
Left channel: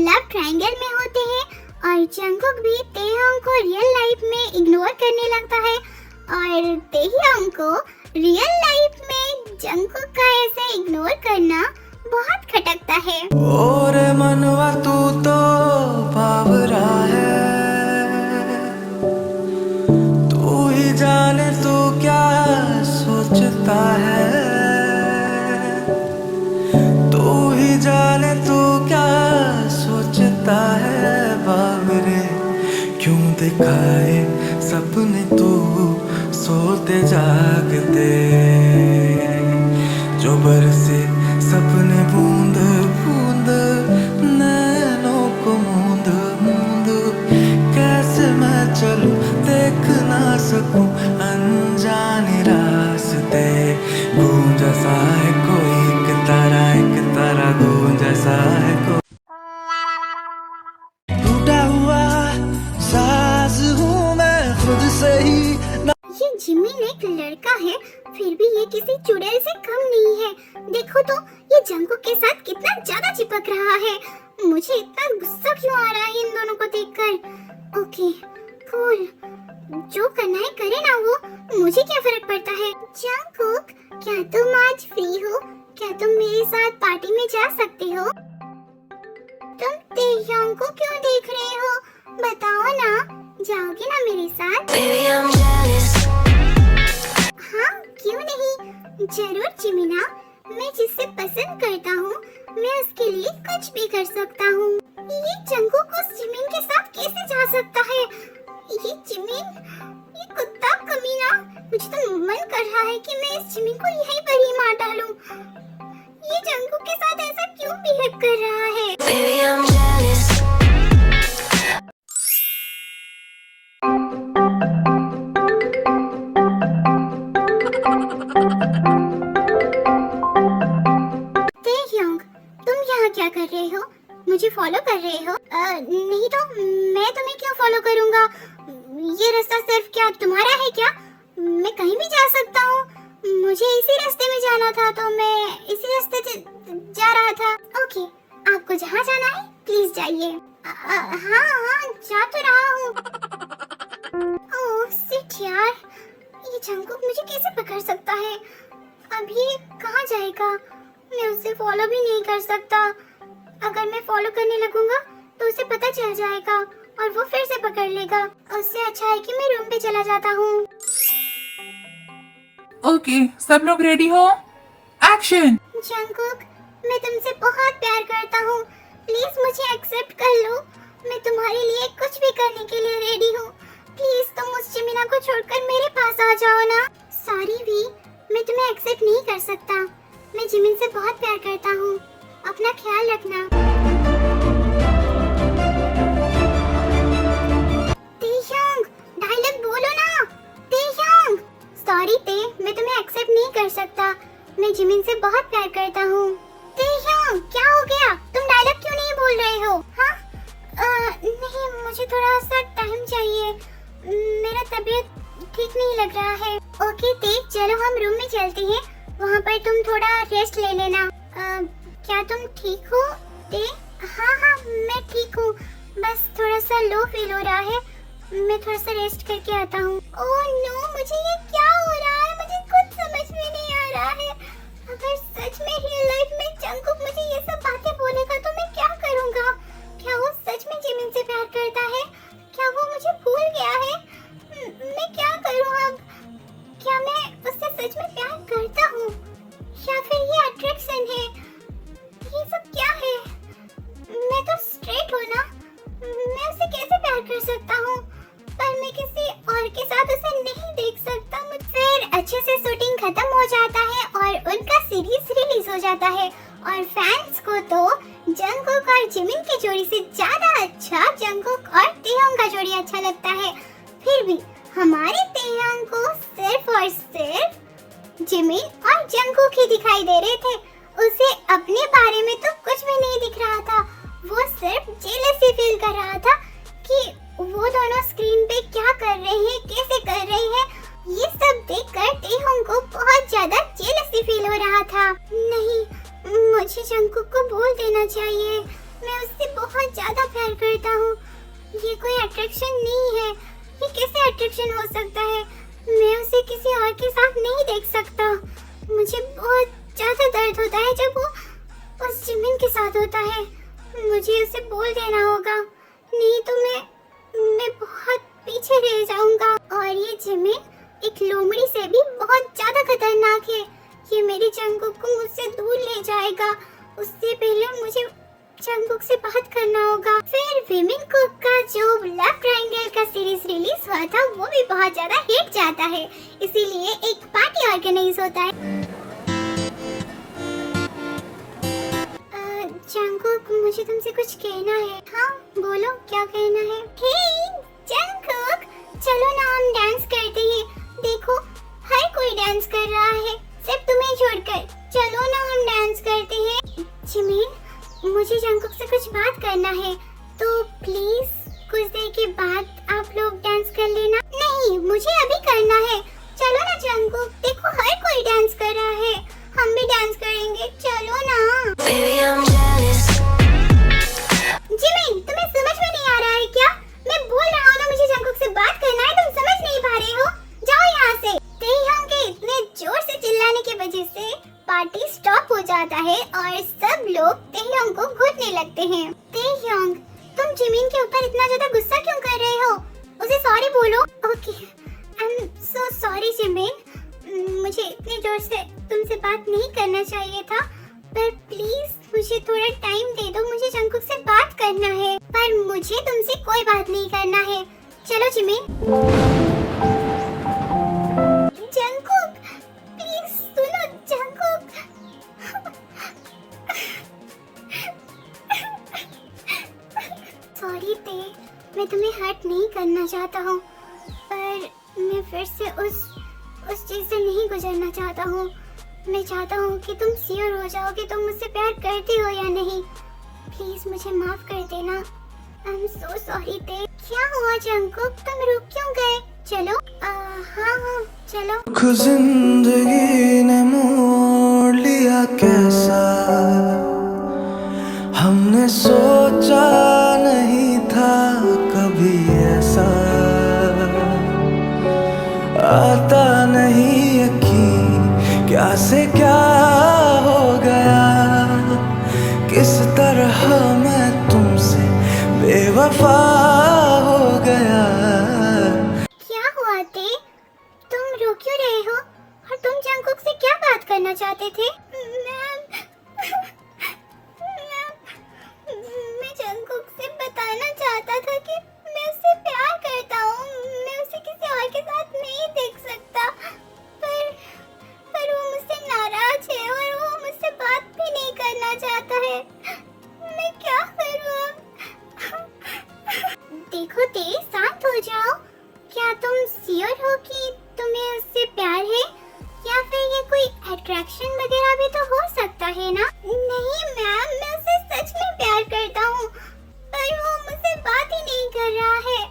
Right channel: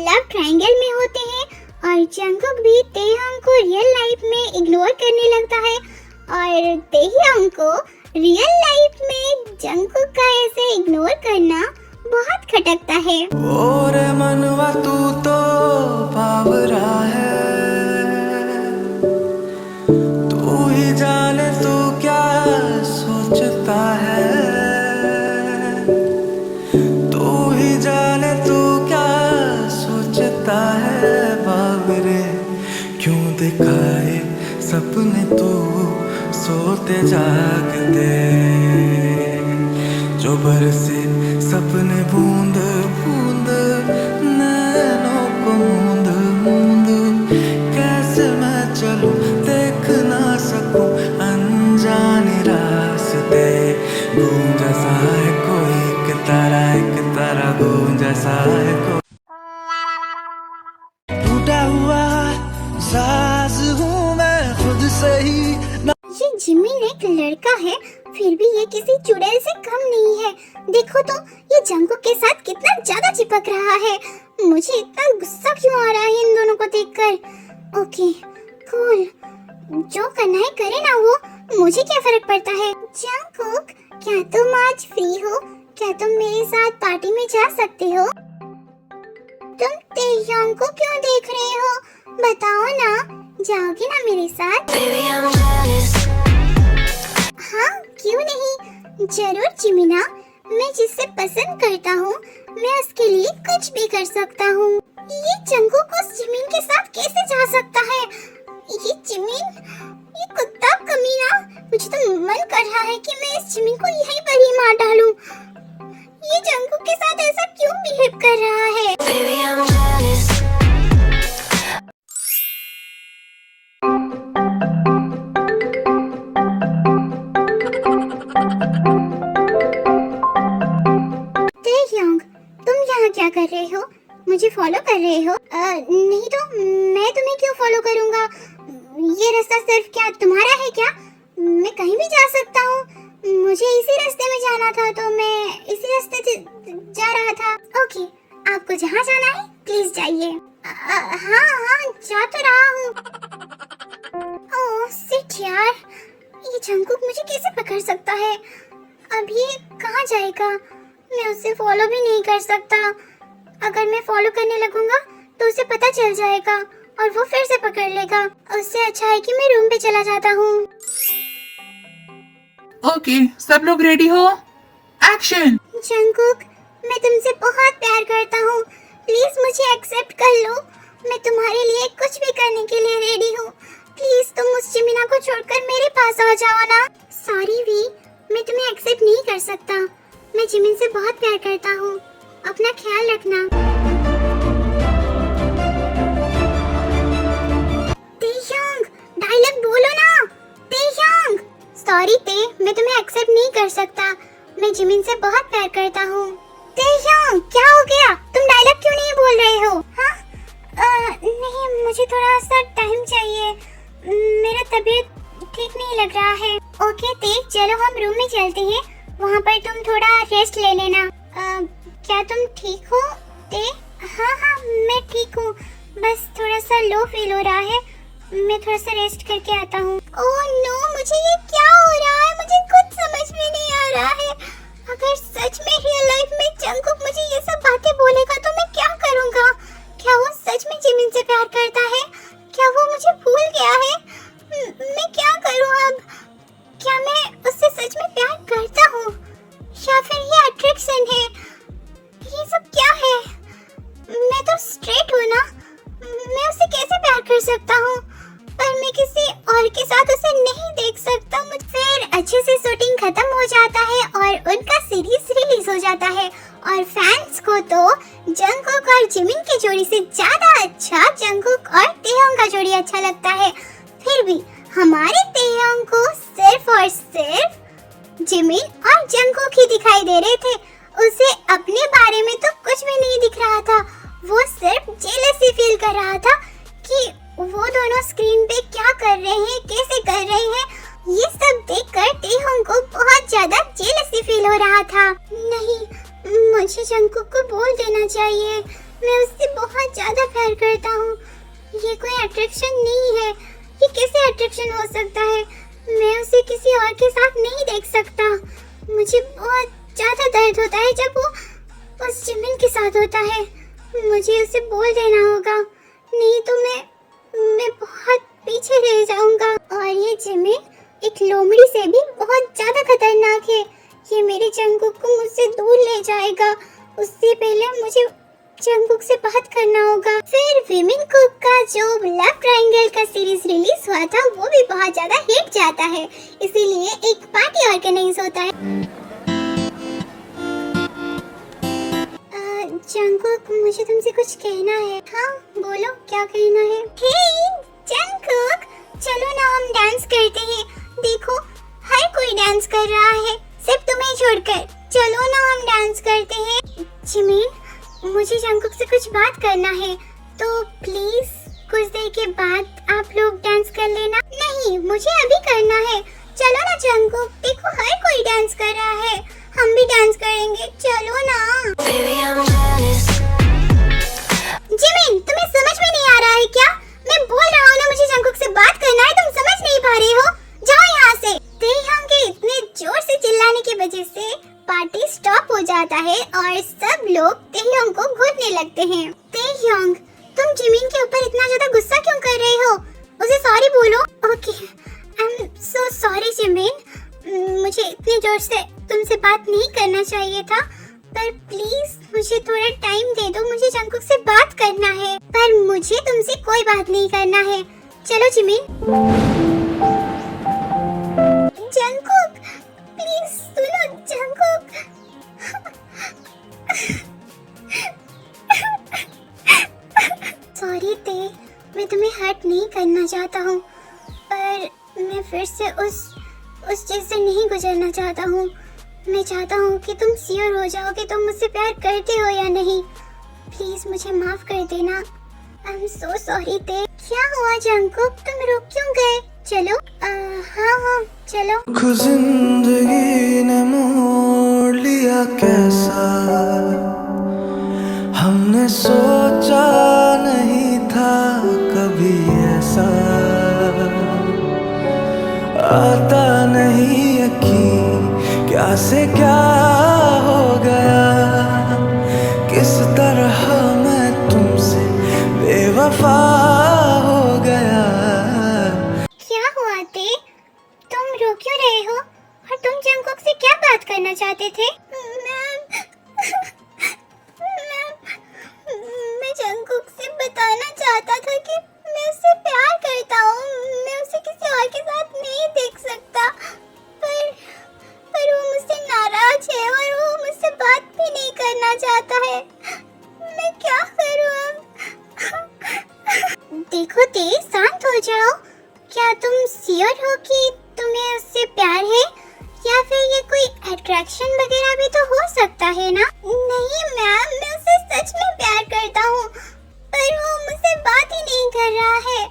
लव ट्रायंगल में होते हैं, और जंगकुक भी तेयोंग को रियल लाइफ में इग्नोर करने लगता है, और तेयोंग को रियल लाइफ में जंगकुक का ऐसे इग्नोर करना बहुत खटकता है। और मनवा तू तो बावरा है, तू ही जाने तू क्या सोचता है, तू ही जाने तू क्या सोचता है। बावरे क्यों दिखाए सपने तू सोते जागते, जो बरसे सपने बूंद बूंद नैनों को मूंद मूंद। कैसे मैं चलूं देख ना सकूं अनजाने रास्ते, गूंजा सा है कोई एक तारा गूंजा सा है कोई। टूटा हुआ साज हूँ मैं खुद से ही। ये जिमिन एक लड़का है, फिर भी ये किसी चुड़ैल से कम नहीं है। देखो तो ये जंगकुक के साथ कितना ज्यादा चिपक रहा है। मुझे इतना गुस्सा क्यों आ रहा है इन दोनों को देखकर। ओके कूल, जो करना है करे ना वो, मुझे क्या फर्क पड़ता है। जंगकुक, क्या तुम आज फ्री हो? क्या तुम मेरे साथ पार्टी में जा सकते हो? तुम तेह्यांग को क्यों देख रहे हो, बताओ ना, जाओगे ना मेरे साथ? Baby, I'm jealous. हाँ क्यों नहीं, जरूर जिमिना। मैं जिससे पसंद करता हूँ मैं उसके लिए कुछ भी कर सकता हूँ। ये जंगकुक उस जिमिन के साथ कैसे जा सकता है? ये जिमिन, ये कुत्ता कमीना, मुझे तो मन कर रहा है कि मैं इस जिमिन को यहीं पर ही मार डालूं। ये जंगकुक के साथ ऐसा क्यों बिहेव कर रहा है? Baby, I'm jealous. तेह्यांग, तुम क्या कर रहे हो? मुझे फॉलो कर रहे हो? नहीं तो मैं तुम्हें क्यों फॉलो करूंगा? ये रास्ता सिर्फ क्या तुम्हारा है क्या? मैं कहीं भी जा सकता हूँ। मुझे इसी रास्ते में जाना था तो मैं इसी रास्ते से जा रहा था। ओके, आपको जहाँ जाना है प्लीज जाइए। हाँ जा तो रहा हूँ। ओह शिट यार, ये जंगकुक मुझे कैसे पकड़ सकता है? अभी कहाँ जाएगा? मैं उसे फॉलो भी नहीं कर सकता। अगर मैं फॉलो करने लगूंगा तो उसे पता चल जाएगा और वो फिर से पकड़ लेगा। उससे अच्छा है कि मैं रूम पे चला जाता हूँ। ओके, सब लोग रेडी हो? एक्शन! जंगकुक, मैं तुमसे बहुत प्यार करता हूँ। प्लीज मुझे एक्सेप्ट कर लो। मैं तुम्हारे लिए कुछ भी करने के लिए रेडी हूँ। प्लीज तुम उस जिमिना को छोड़कर मेरे पास आ जाओ ना। सॉरी वी, मैं तुम्हें एक्सेप्ट नहीं कर सकता। मैं जिमिन से बहुत प्यार करता हूँ। अपना ख्याल रखना। तेह्योंग, डायलॉग बोलो ना। तेह्योंग, सॉरी ते, मैं तुम्हें एक्सेप्ट नहीं कर सकता। मैं जिमिन से बहुत प्यार करता हूँ। तेह्योंग, क्या हो गया? तुम डायलॉग क्यों नहीं बोल रहे हो? हाँ? नहीं, मुझे थोड़ा सा टाइम चाहिए। मेरा तबीयत ठीक नहीं लग रहा है। ओके ते, चलो हम रूम में चलते हैं। वहाँ पर तुम थोड़ा रेस्ट ले लेना। क्या तुम ठीक हो ते? हाँ, मैं ठीक हूँ। बस थोड़ा सा लो फील हो रहा है। मैं थोड़ा सा रेस्ट करके आता हूँ। ओह नो, मुझे ये क्या हो रहा है? मुझे कुछ समझ में नहीं आ रहा है। अगर सच में रियल लाइफ में जंगकुक मुझे ये सब बातें बोलेगा तो मैं क्या करूँगा? क्या वो सच में जिमिन से प्यार करता है? क्या वो मुझे भूल गया है? मैं क्या करूँ अब? क्या मैं उससे सच में प्यार करता हूँ या फिर ये अट्रैक्शन है? ये सब क्या है? मैं तो स्ट्रेट हूँ ना। मैं उसे कैसे प्यार कर सकता हूँ? पर मैं किसी और के साथ उसे नहीं देख सकता। फिर अच्छे से शूटिंग खत्म हो जाता है और उनका सीरीज रिलीज हो जाता है और फैंस को तो जंगकुक और जिमिन की जोड़ी से ज्यादा अच्छा जंगकुक और तेह्योंग का जोड़ी अच्छा लगता है। फिर भी हमारे तेह्योंग को सिर्फ और सिर्फ जिमिन और जंगकुक ही दिखाई दे रहे थे। उसे अपने बारे में तो कुछ भी नहीं दिख रहा था। वो सिर्फ जेलसी फील कर रहा था कि वो दोनों स्क्रीन पे क्या कर रहे हैं, कैसे कर रहे हैं। ये सब देखकर तेह्योंग को बहुत ज्यादा जेलसी फील हो रहा था। नहीं, मुझे जंगकुक को बोल देना चाहिए। मैं उससे बहुत ज्यादा प्यार करता हूँ। ये कोई अट्रैक्शन नहीं है। ये कैसे अट्रैक्शन हो सकता है? मैं उसे किसी और के साथ नहीं देख सकता। मुझे बहुत ज्यादा दर्द होता है जब वो उस जिमिन के साथ होता है। मुझे उसे बोल देना होगा, नहीं तो मैं बहुत पीछे रह जाऊंगा। और ये जिमिन एक लोमड़ी से भी बहुत ज्यादा खतरनाक है। ये मेरे जंगकुक को मुझसे दूर ले जाएगा। उससे पहले मुझे जंगकुक से बात करना होगा। फिर विमेन कुक का जो लव ट्रायंगल का सीरीज रिलीज हुआ था वो भी बहुत ज्यादा हिट जाता है, इसीलिए एक पार्टी ऑर्गेनाइज होता है। जंगकुक, मुझे तुमसे कुछ कहना है। हाँ बोलो, क्या कहना है? हे जंगकुक, चलो ना हम डांस करते हैं। देखो हर कोई डांस कर रहा है सिर्फ तुम्हें छोड़कर। चलो ना हम डांस करते हैं। जिमिन, मुझे जंगकुक से कुछ बात करना है, तो प्लीज कुछ देर के बाद आप लोग डांस कर लेना। नहीं, मुझे अभी करना है। चलो ना जंगकुक, देखो हर कोई डांस कर रहा है, हम भी डांस करेंगे। चलो ना। जिमिन, तुम्हें समझ में नहीं आ रहा है क्या? मैं बोल रहा हूँ ना, मुझे जंगकुक से बात करना है, तुम समझ नहीं पा रहे हो? जाओ यहाँ से। तेह्योंग के इतने जोर से चिल्लाने की वजह से पार्टी स्टॉप हो जाता है और सब लोग तेह्योंग को घूरने लगते हैं। तेह्योंग, तुम जिमिन के ऊपर इतना ज्यादा गुस्सा क्यों कर रहे हो? उसे सॉरी बोलो। Okay, I am so sorry Jimin. मुझे इतने जोर से तुमसे बात नहीं करना चाहिए था, पर प्लीज मुझे थोड़ा टाइम दे दो। मुझे जंगकुक से बात करना है, पर मुझे तुमसे कोई बात नहीं करना है। चलो जिमिन। जंगकुक, प्लीज सुनो जंगकुक। सॉरी ते, मैं तुम्हें हर्ट नहीं करना चाहता हूँ, पर मैं फिर से उस चीज से नहीं गुजरना चाहता हूँ। मैं चाहता हूँ कि तुम श्योर हो जाओ कि तुम मुझसे प्यार करते हो या नहीं। प्लीज मुझे माफ कर देना। आई एम सो सॉरी ते। क्या हुआ जंकुक, तुम रुक क्यों गए? चलो हाँ चलो। रुख जिंदगी ने मोड़ लिया कैसा, हमने सोचा नहीं था कभी ऐसा, आता नहीं यकीन क्या से क्या हो गया, किस तरह मैं तुमसे बेवफा हो गया। क्या हुआ ते? तुम रो क्यों रहे हो? और तुम जंकुक से क्या बात करना चाहते थे? मैं जंकुक से बताना चाहता था कि मैं उससे प्यार करता हूँ। मैं उसे किसी और के साथ नहीं देख सकता, पर वो मुझसे नाराज है और वो मुझसे बात भी नहीं करना चाहता है। मैं क्या करूँ अब? देखो ते, शांत हो जाओ। क्या तुम श्योर हो कि तुम्हें उससे प्यार है, या फिर ये कोई अट्रैक्शन वगैरह भी तो हो सकता है ना? नहीं मैम, मैं उसे सच में प्यार करता हूँ, पर वो मुझसे बात ही नहीं कर रहा है।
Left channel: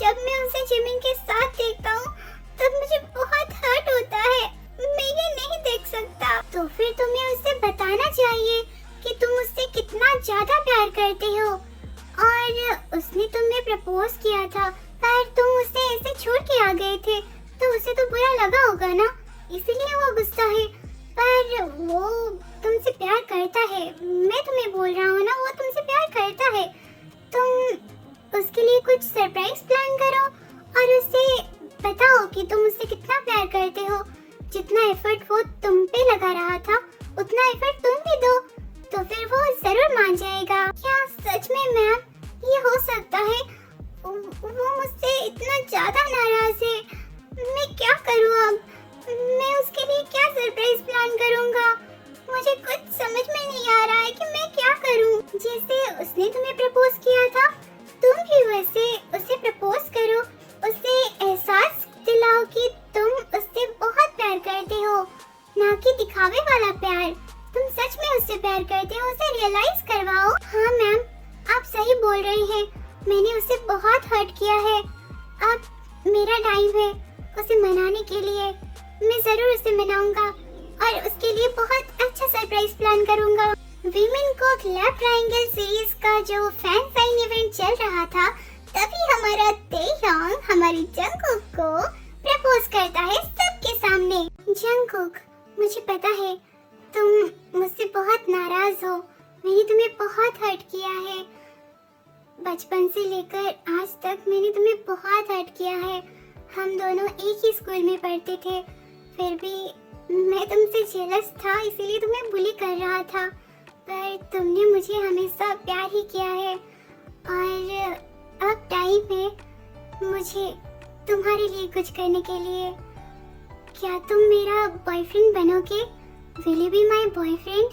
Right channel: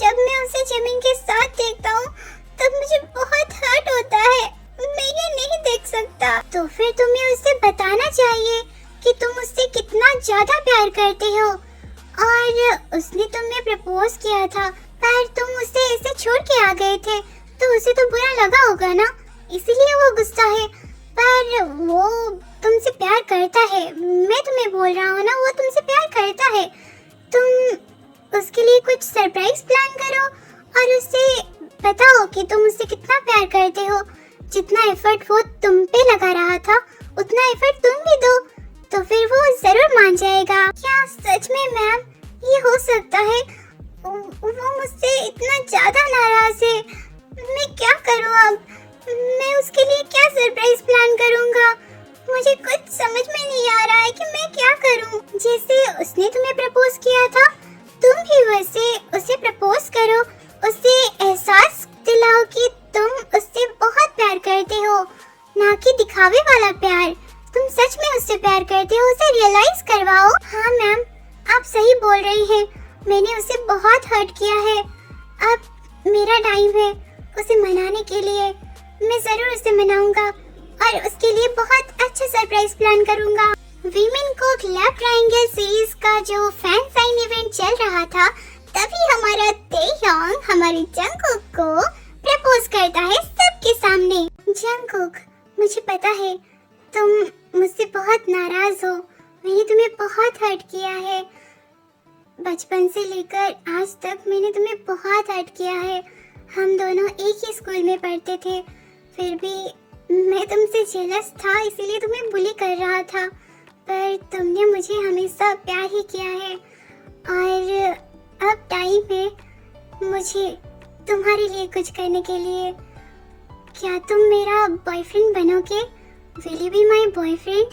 जब मैं उसे जमीन के साथ देखता हूँ तब मुझे बहुत हर्ट होता है। मैं ये नहीं देख सकता। तो फिर तुम्हें उसे बताना चाहिए कि तुम उससे कितना ज्यादा प्यार करते हो, और उसने तुम्हें प्रपोज किया था, पर तुम उसे ऐसे छोड़ के आ गए थे, तो उसे तो बुरा लगा होगा ना, इसीलिए वो गुस्सा है। पर वो तुमसे प्यार करता है, मैं तुम्हें बोल रहा हूँ ना, वो तुमसे प्यार करता है। तुम उसके लिए कुछ सरप्राइज प्लान करो और उसे बताओ कि तुम उससे कितना प्यार करते हो। जितना एफर्ट वो तुम पे लगा रहा था, उतना एफर्ट तुम भी दो, तो फिर वो जरूर मान जाएगा। क्या सच में मैम ये हो सकता है? वो मुझसे इतना ज्यादा नाराज है, मैं क्या करूँ अब? मैं उसके लिए क्या सरप्राइज प्लान करूँगा? मुझे कुछ समझ में नहीं आ रहा है कि मैं क्या करूँ। जैसे उसने तुम्हें प्रपोज किया था, तुम भी वैसे उसे प्रपोज करो, उसे एहसास दिलाओ कि तुम उससे बहुत प्यार करते हो, ना कि दिखावे वाला प्यार। तुम सच में उससे प्यार करते हो, उसे रियलाइज करवाओ। हाँ मैम, आप सही बोल रही हैं, मैंने उसे बहुत हर्ट किया है। अब मेरा टाइम है उसे मनाने के लिए। मैं जरूर उसे मनाऊंगा और उसके लिए बहुत अच्छा सरप्राइज प्लान करूंगा। वीमेन को लव ट्रायंगल सीरीज का जो फैन साइन इवेंट चल रहा था, तभी हमारा तेयोंग हमारी जंकुक को प्रपोज करता है सबके सामने। जंकुक, मुझे पता है तुम मुझसे बहुत नाराज हो, मैंने तुम्हें बहुत हर्ट किया है। बचपन से लेकर आज तक मैंने तुम्हें बहुत हर्ट किया है। हम दोनों एक ही स्कूल में पढ़ते थे, फिर भी मैं तुमसे जेलस था, इसीलिए तुम्हें बुली कर रहा था, पर तुमने मुझे हमेशा प्यार ही किया है। और अब टाइम है मुझे तुम्हारे लिए कुछ करने के लिए। क्या तुम मेरा बॉयफ्रेंड बनोगे? Will you be my boyfriend?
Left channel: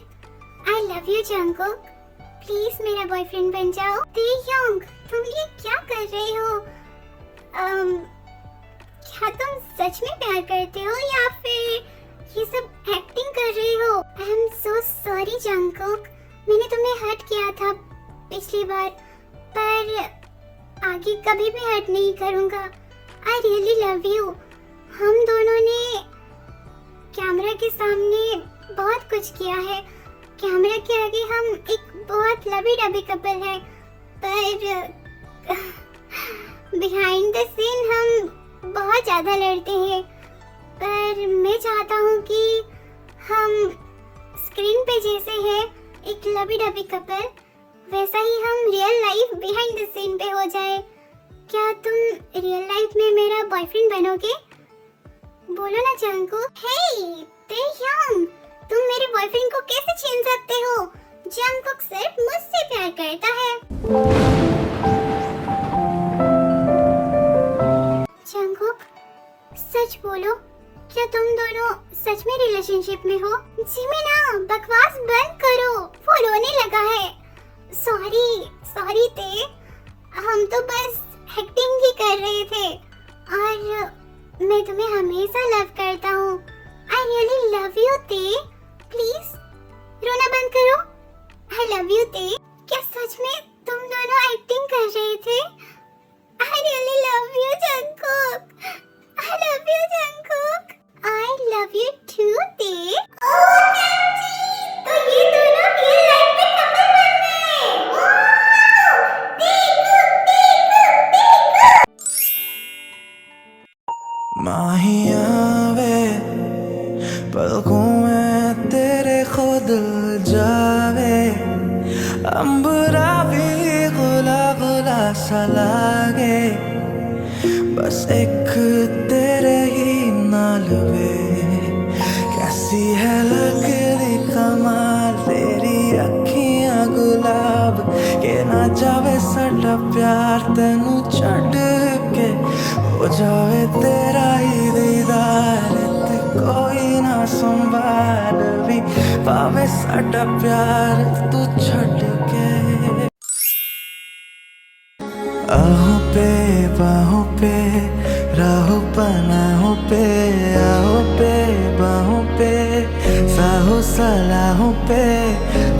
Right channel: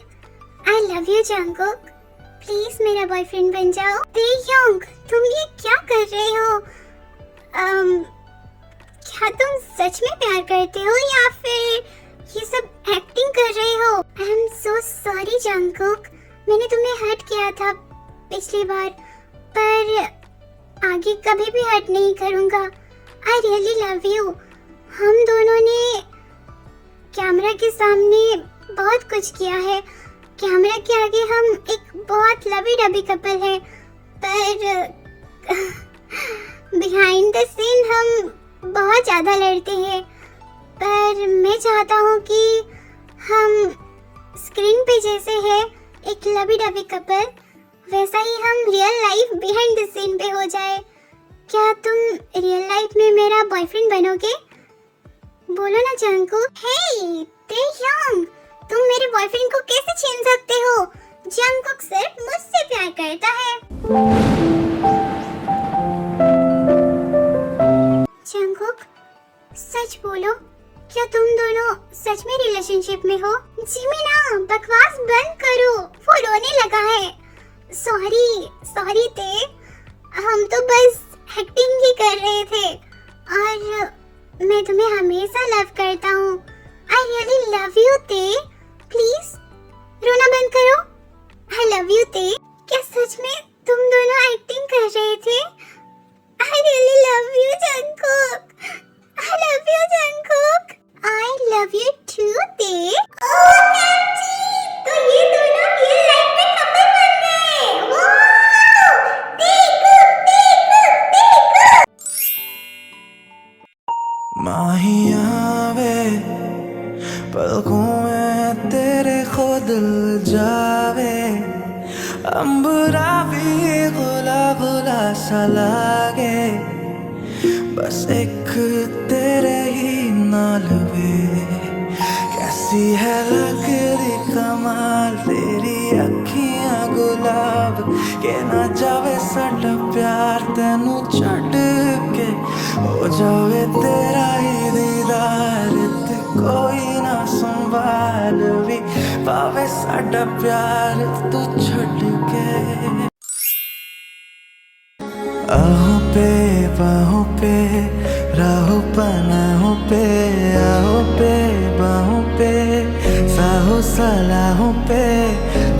I love you Jungkook, please मेरा बॉयफ्रेंड बन जाओ। तेयोंग, तुम ये क्या कर रहे हो? क्या तुम सच में प्यार करते हो या फिर ये सब एक्टिंग कर रहे हो? आई एम सो सॉरी जंकुक, मैंने तुम्हें हर्ट किया था पिछली बार, पर आगे कभी भी हर्ट नहीं करूँगा। I really love you. हम दोनों ने कैमरा के सामने बहुत कुछ किया है, कैमरा के आगे हम एक बहुत लवी डबी कपल है, पर बिहाइंड द सीन हम बहुत ज्यादा लड़ते हैं। पर मैं चाहता हूँ कि हम स्क्रीन पे जैसे है एक लवी डबी कपल, वैसा ही हम real life behind the scene पे हो जाए। क्या तुम रियल लाइफ में मेरा बॉयफ्रेंड बनोगे? बोलो ना जंकुक। हे तेयोंग, तुम मेरे बॉयफ्रेंड को कैसे छीन सकते हो? जंकुक सिर्फ मुझसे प्यार करता है। जंकुक, सच बोलो, क्या तुम दोनों सच में रिलेशनशिप में हो? जिमिना, बकवास बंद करो, वो रोने लगा है। सॉरी ते, हम तो बस एक्टिंग ही कर रहे थे, और मैं तुम्हें हमेशा लव करता हूँ। आई रियली लव यू ते, प्लीज रोना बंद करो। आई लव यू ते। क्या सच में तुम दोनों एक्टिंग कर रहे थे? I really love you, Jungkook. I love you, Jungkook. I love you too, Tae. Oh, Captain! तो ये दोनों रियल लाइफ में कपल बन गए। वाह! Tae-kook. माहिया वे पलकों में तेरे खुद जावे, अंबरा भी गुला गुला सा लागे, बस एक तेरे ही नाल वे। कैसी है लगदी कमाल तेरी अखियां गुलाब के, ना जावे साडा प्यार तेनू छड्ड के, हो जावे तेरा ही दीदार ते कोई ना संभाल भी पावे साडा प्यार तू छड्ड के। आहों पे बाहों पे राहों पनाहों पे, आहों पे बाहों पे साहों सलाहों पे,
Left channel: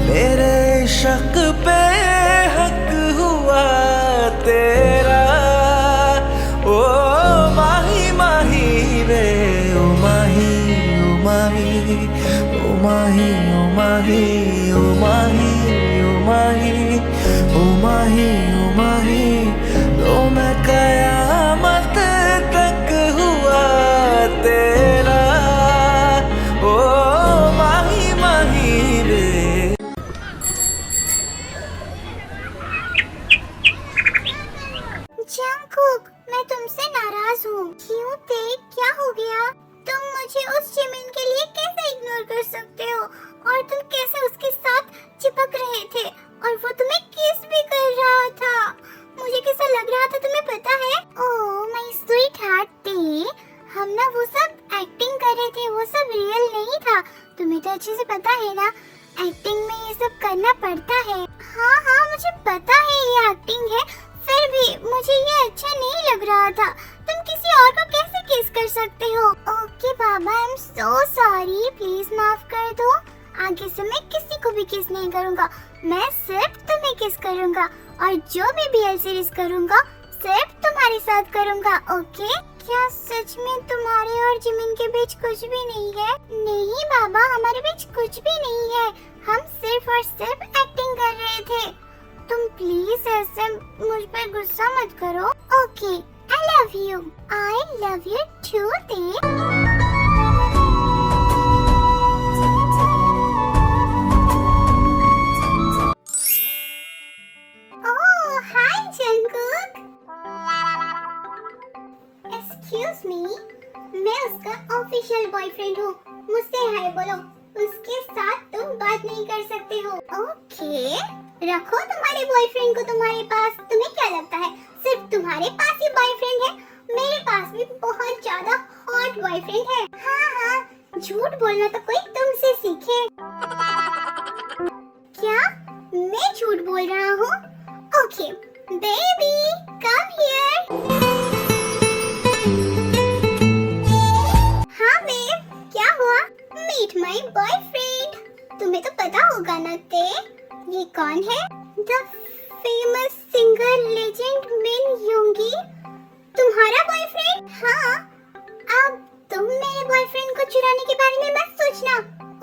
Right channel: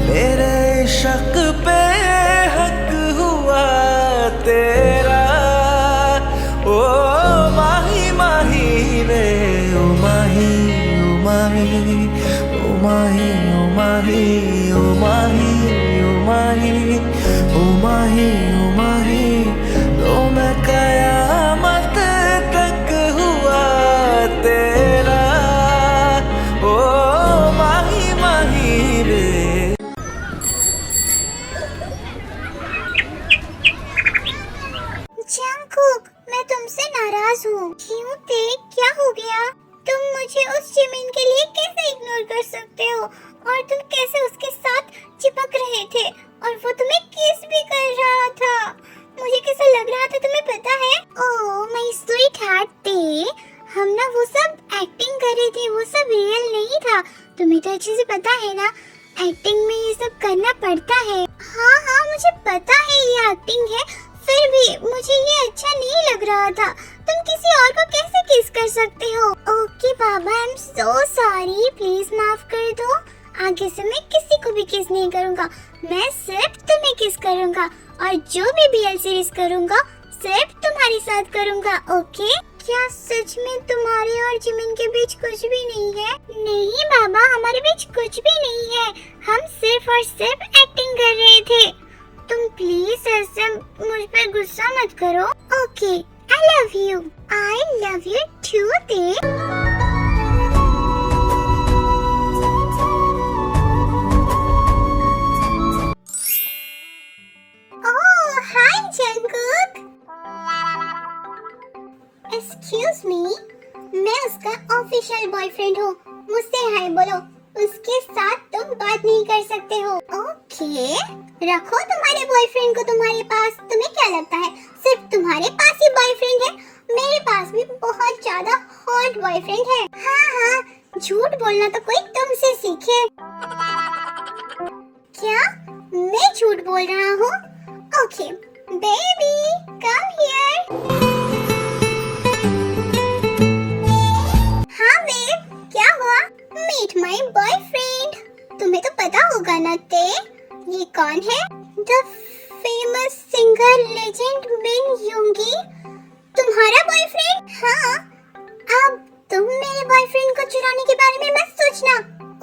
मेरे शक पे हक हुआ तेरा। ओ माही माही रे, ओ माही ओ माही ओ माही ओ माही ओ माही ओ माही ओ माही ओ माही, तो मैं कयामत तक हुआ तेरा। ओ माही माही रे। जंगकुक, मैं तुमसे नाराज हूँ। क्यों ते, क्या हो गया? तुम मुझे उस जिमिन के लिए कैसे इग्नोर कर सकते हो? और तुम कैसे उसके साथ चिपक रहे थे? और वो तुम्हें किस भी कर रहा था। मुझे कैसा लग रहा था तुम्हें पता है? ओह माय स्वीट हार्ट ते, हम ना वो सब एक्टिंग कर रहे थे, वो सब रियल नहीं था। तुम्हें तो अच्छे से पता है ना, एक्टिंग में ये सब करना पड़ता है। हाँ हाँ मुझे पता है ये एक्टिंग है, फिर भी मुझे ये अच्छा नहीं लग रहा था। तुम किसी और को कैसे किस कर सकते हो? Okay Baba, I am so sorry, please माफ कर दो। आगे से मैं किसी को भी किस नहीं करूँगा, मैं सिर्फ तुम्हें किस करूँगा, और जो भी BL सीरीज करूँगा सिर्फ तुम्हारे साथ करूँगा, ओके? क्या सच में तुम्हारे और जिमिन के बीच कुछ भी नहीं है? नहीं बाबा, हमारे बीच कुछ भी नहीं है, हम सिर्फ और सिर्फ एक्टिंग कर रहे थे। तुम प्लीज ऐसे मुझ पर गुस्सा मत करो, okay? I love you too ते। एक्सक्यूज मी, मैं उसका ऑफिशियल बॉयफ्रेंड हूँ, मुझसे हाय बोलो। उसके साथ तुम बात नहीं कर सकते हो, ओके? रखो तुम्हारे बॉयफ्रेंड को तुम्हारे पास। तुम्हें क्या लगता है सिर्फ तुम्हारे पास ही बॉयफ्रेंड है? मेरे पास भी बहुत ज्यादा हॉट बॉयफ्रेंड है। हाँ हाँ, झूठ बोलना तो कोई तुमसे सीखे। क्या मैं झूठ बोल रहा हूँ? Okay baby, come here. Meet my boyfriend. तुम्हें तो पता होगा ना ते, ये कौन है? द फेमस सिंगर लेजेंड मिन योंगी, तुम्हारा बॉयफ्रेंड? हाँ, अब तुम मेरे बॉयफ्रेंड को चुराने के बारे में मत सोचना,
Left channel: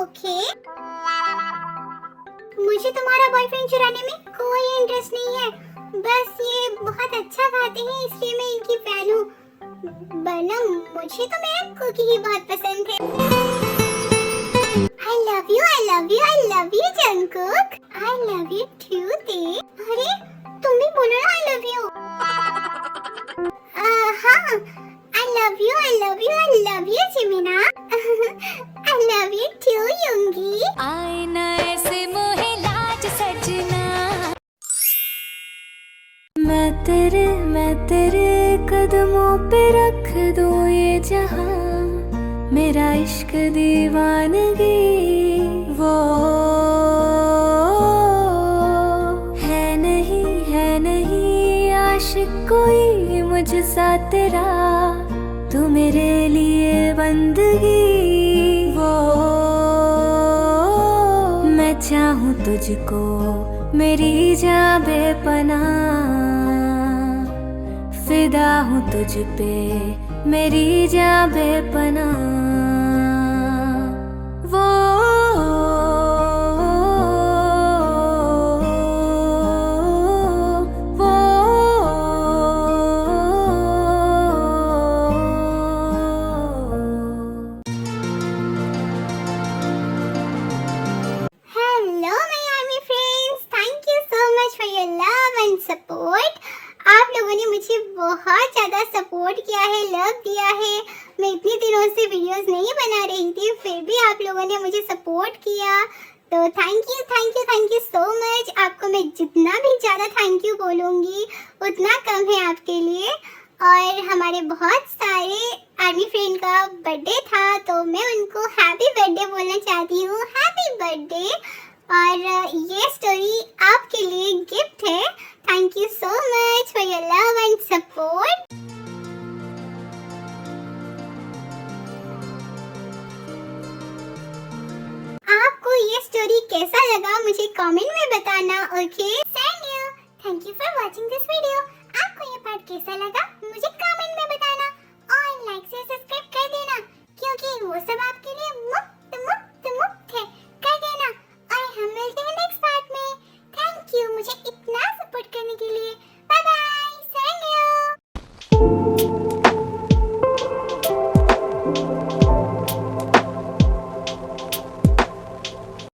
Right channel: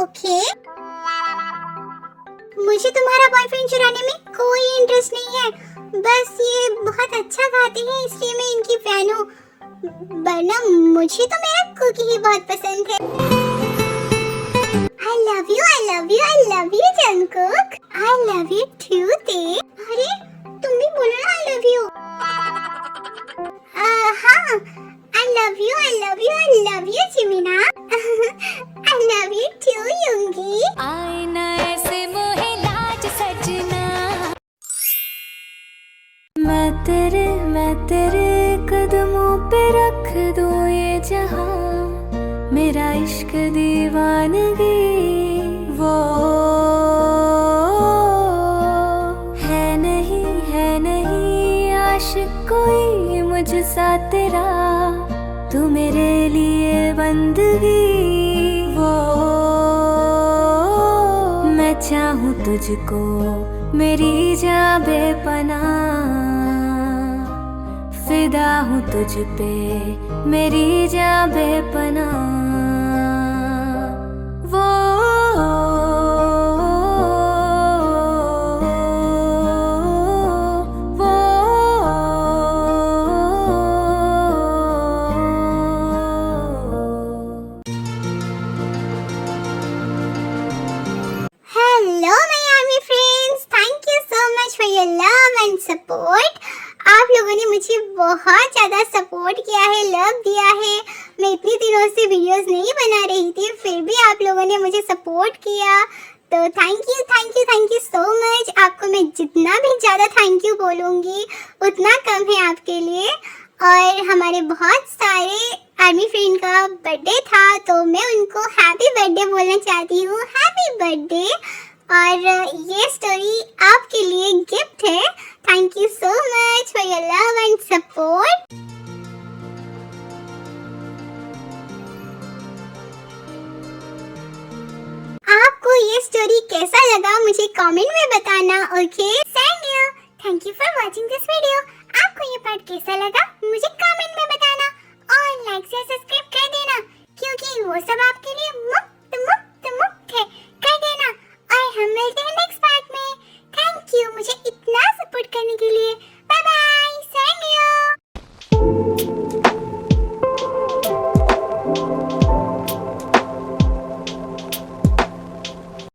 ओके? मुझे तुम्हारा बॉयफ्रेंड चुराने में कोई इंटरेस्ट नहीं है, बस ये बहुत अच्छा गाते हैं इसलिए मैं इनकी फैन हूँ, वरना मुझे तो मेरा कुकी ही बहुत पसंद है। I love you Jungkook. I love you too ते। अरे तुम भी बोलो ना I love you। हाँ, I love you जिमिना। I love you too योंगी। आईना ऐसे मोहे लाज सजना। मैं तेरे कदमों पे रख दूं ये जहां, मेरा इश्क दीवानगी वो है नहीं आशिक कोई मुझसा तेरा, तू मेरे लिए बंदगी वो। मैं चाहूँ तुझको मेरी जान बेपनाह फिदा हूँ तुझ पे, मेरी जान बेपनाह। वो hello my army friends, thank you so much for your love and support. आप लोगों ने मुझे बहुत ज़्यादा सपोर्ट किया है, लव दिया है। मैं इतनी दिनों से वीडियोस नहीं बना रही थी, फिर भी आप लोगों ने मुझे सपोर्ट किया, तो thank you thank you thank you so much. आपको मैं जितना भी ज़्यादा थैंक यू बोलूँगी उतना कम है आपके लिए। और हमारे बहुत सारे आर्मी फ्रेंड का बर्थडे था, तो मैं उनको हैप्पी बर्थडे बोलना चाहती हूँ, हैप्पी बर्थडे। और ये स्टोरी आपके लिए गिफ्ट है। Thank you so much for your love and support. आपको ये स्टोरी कैसा लगा मुझे कमेंट में बताना, okay? Thank you for watching this video. आपको ये पार्ट कैसा लगा मुझे कमेंट में बताना और लाइक से सब्सक्राइब कर देना, क्योंकि वो सब आपके लिए मुफ्त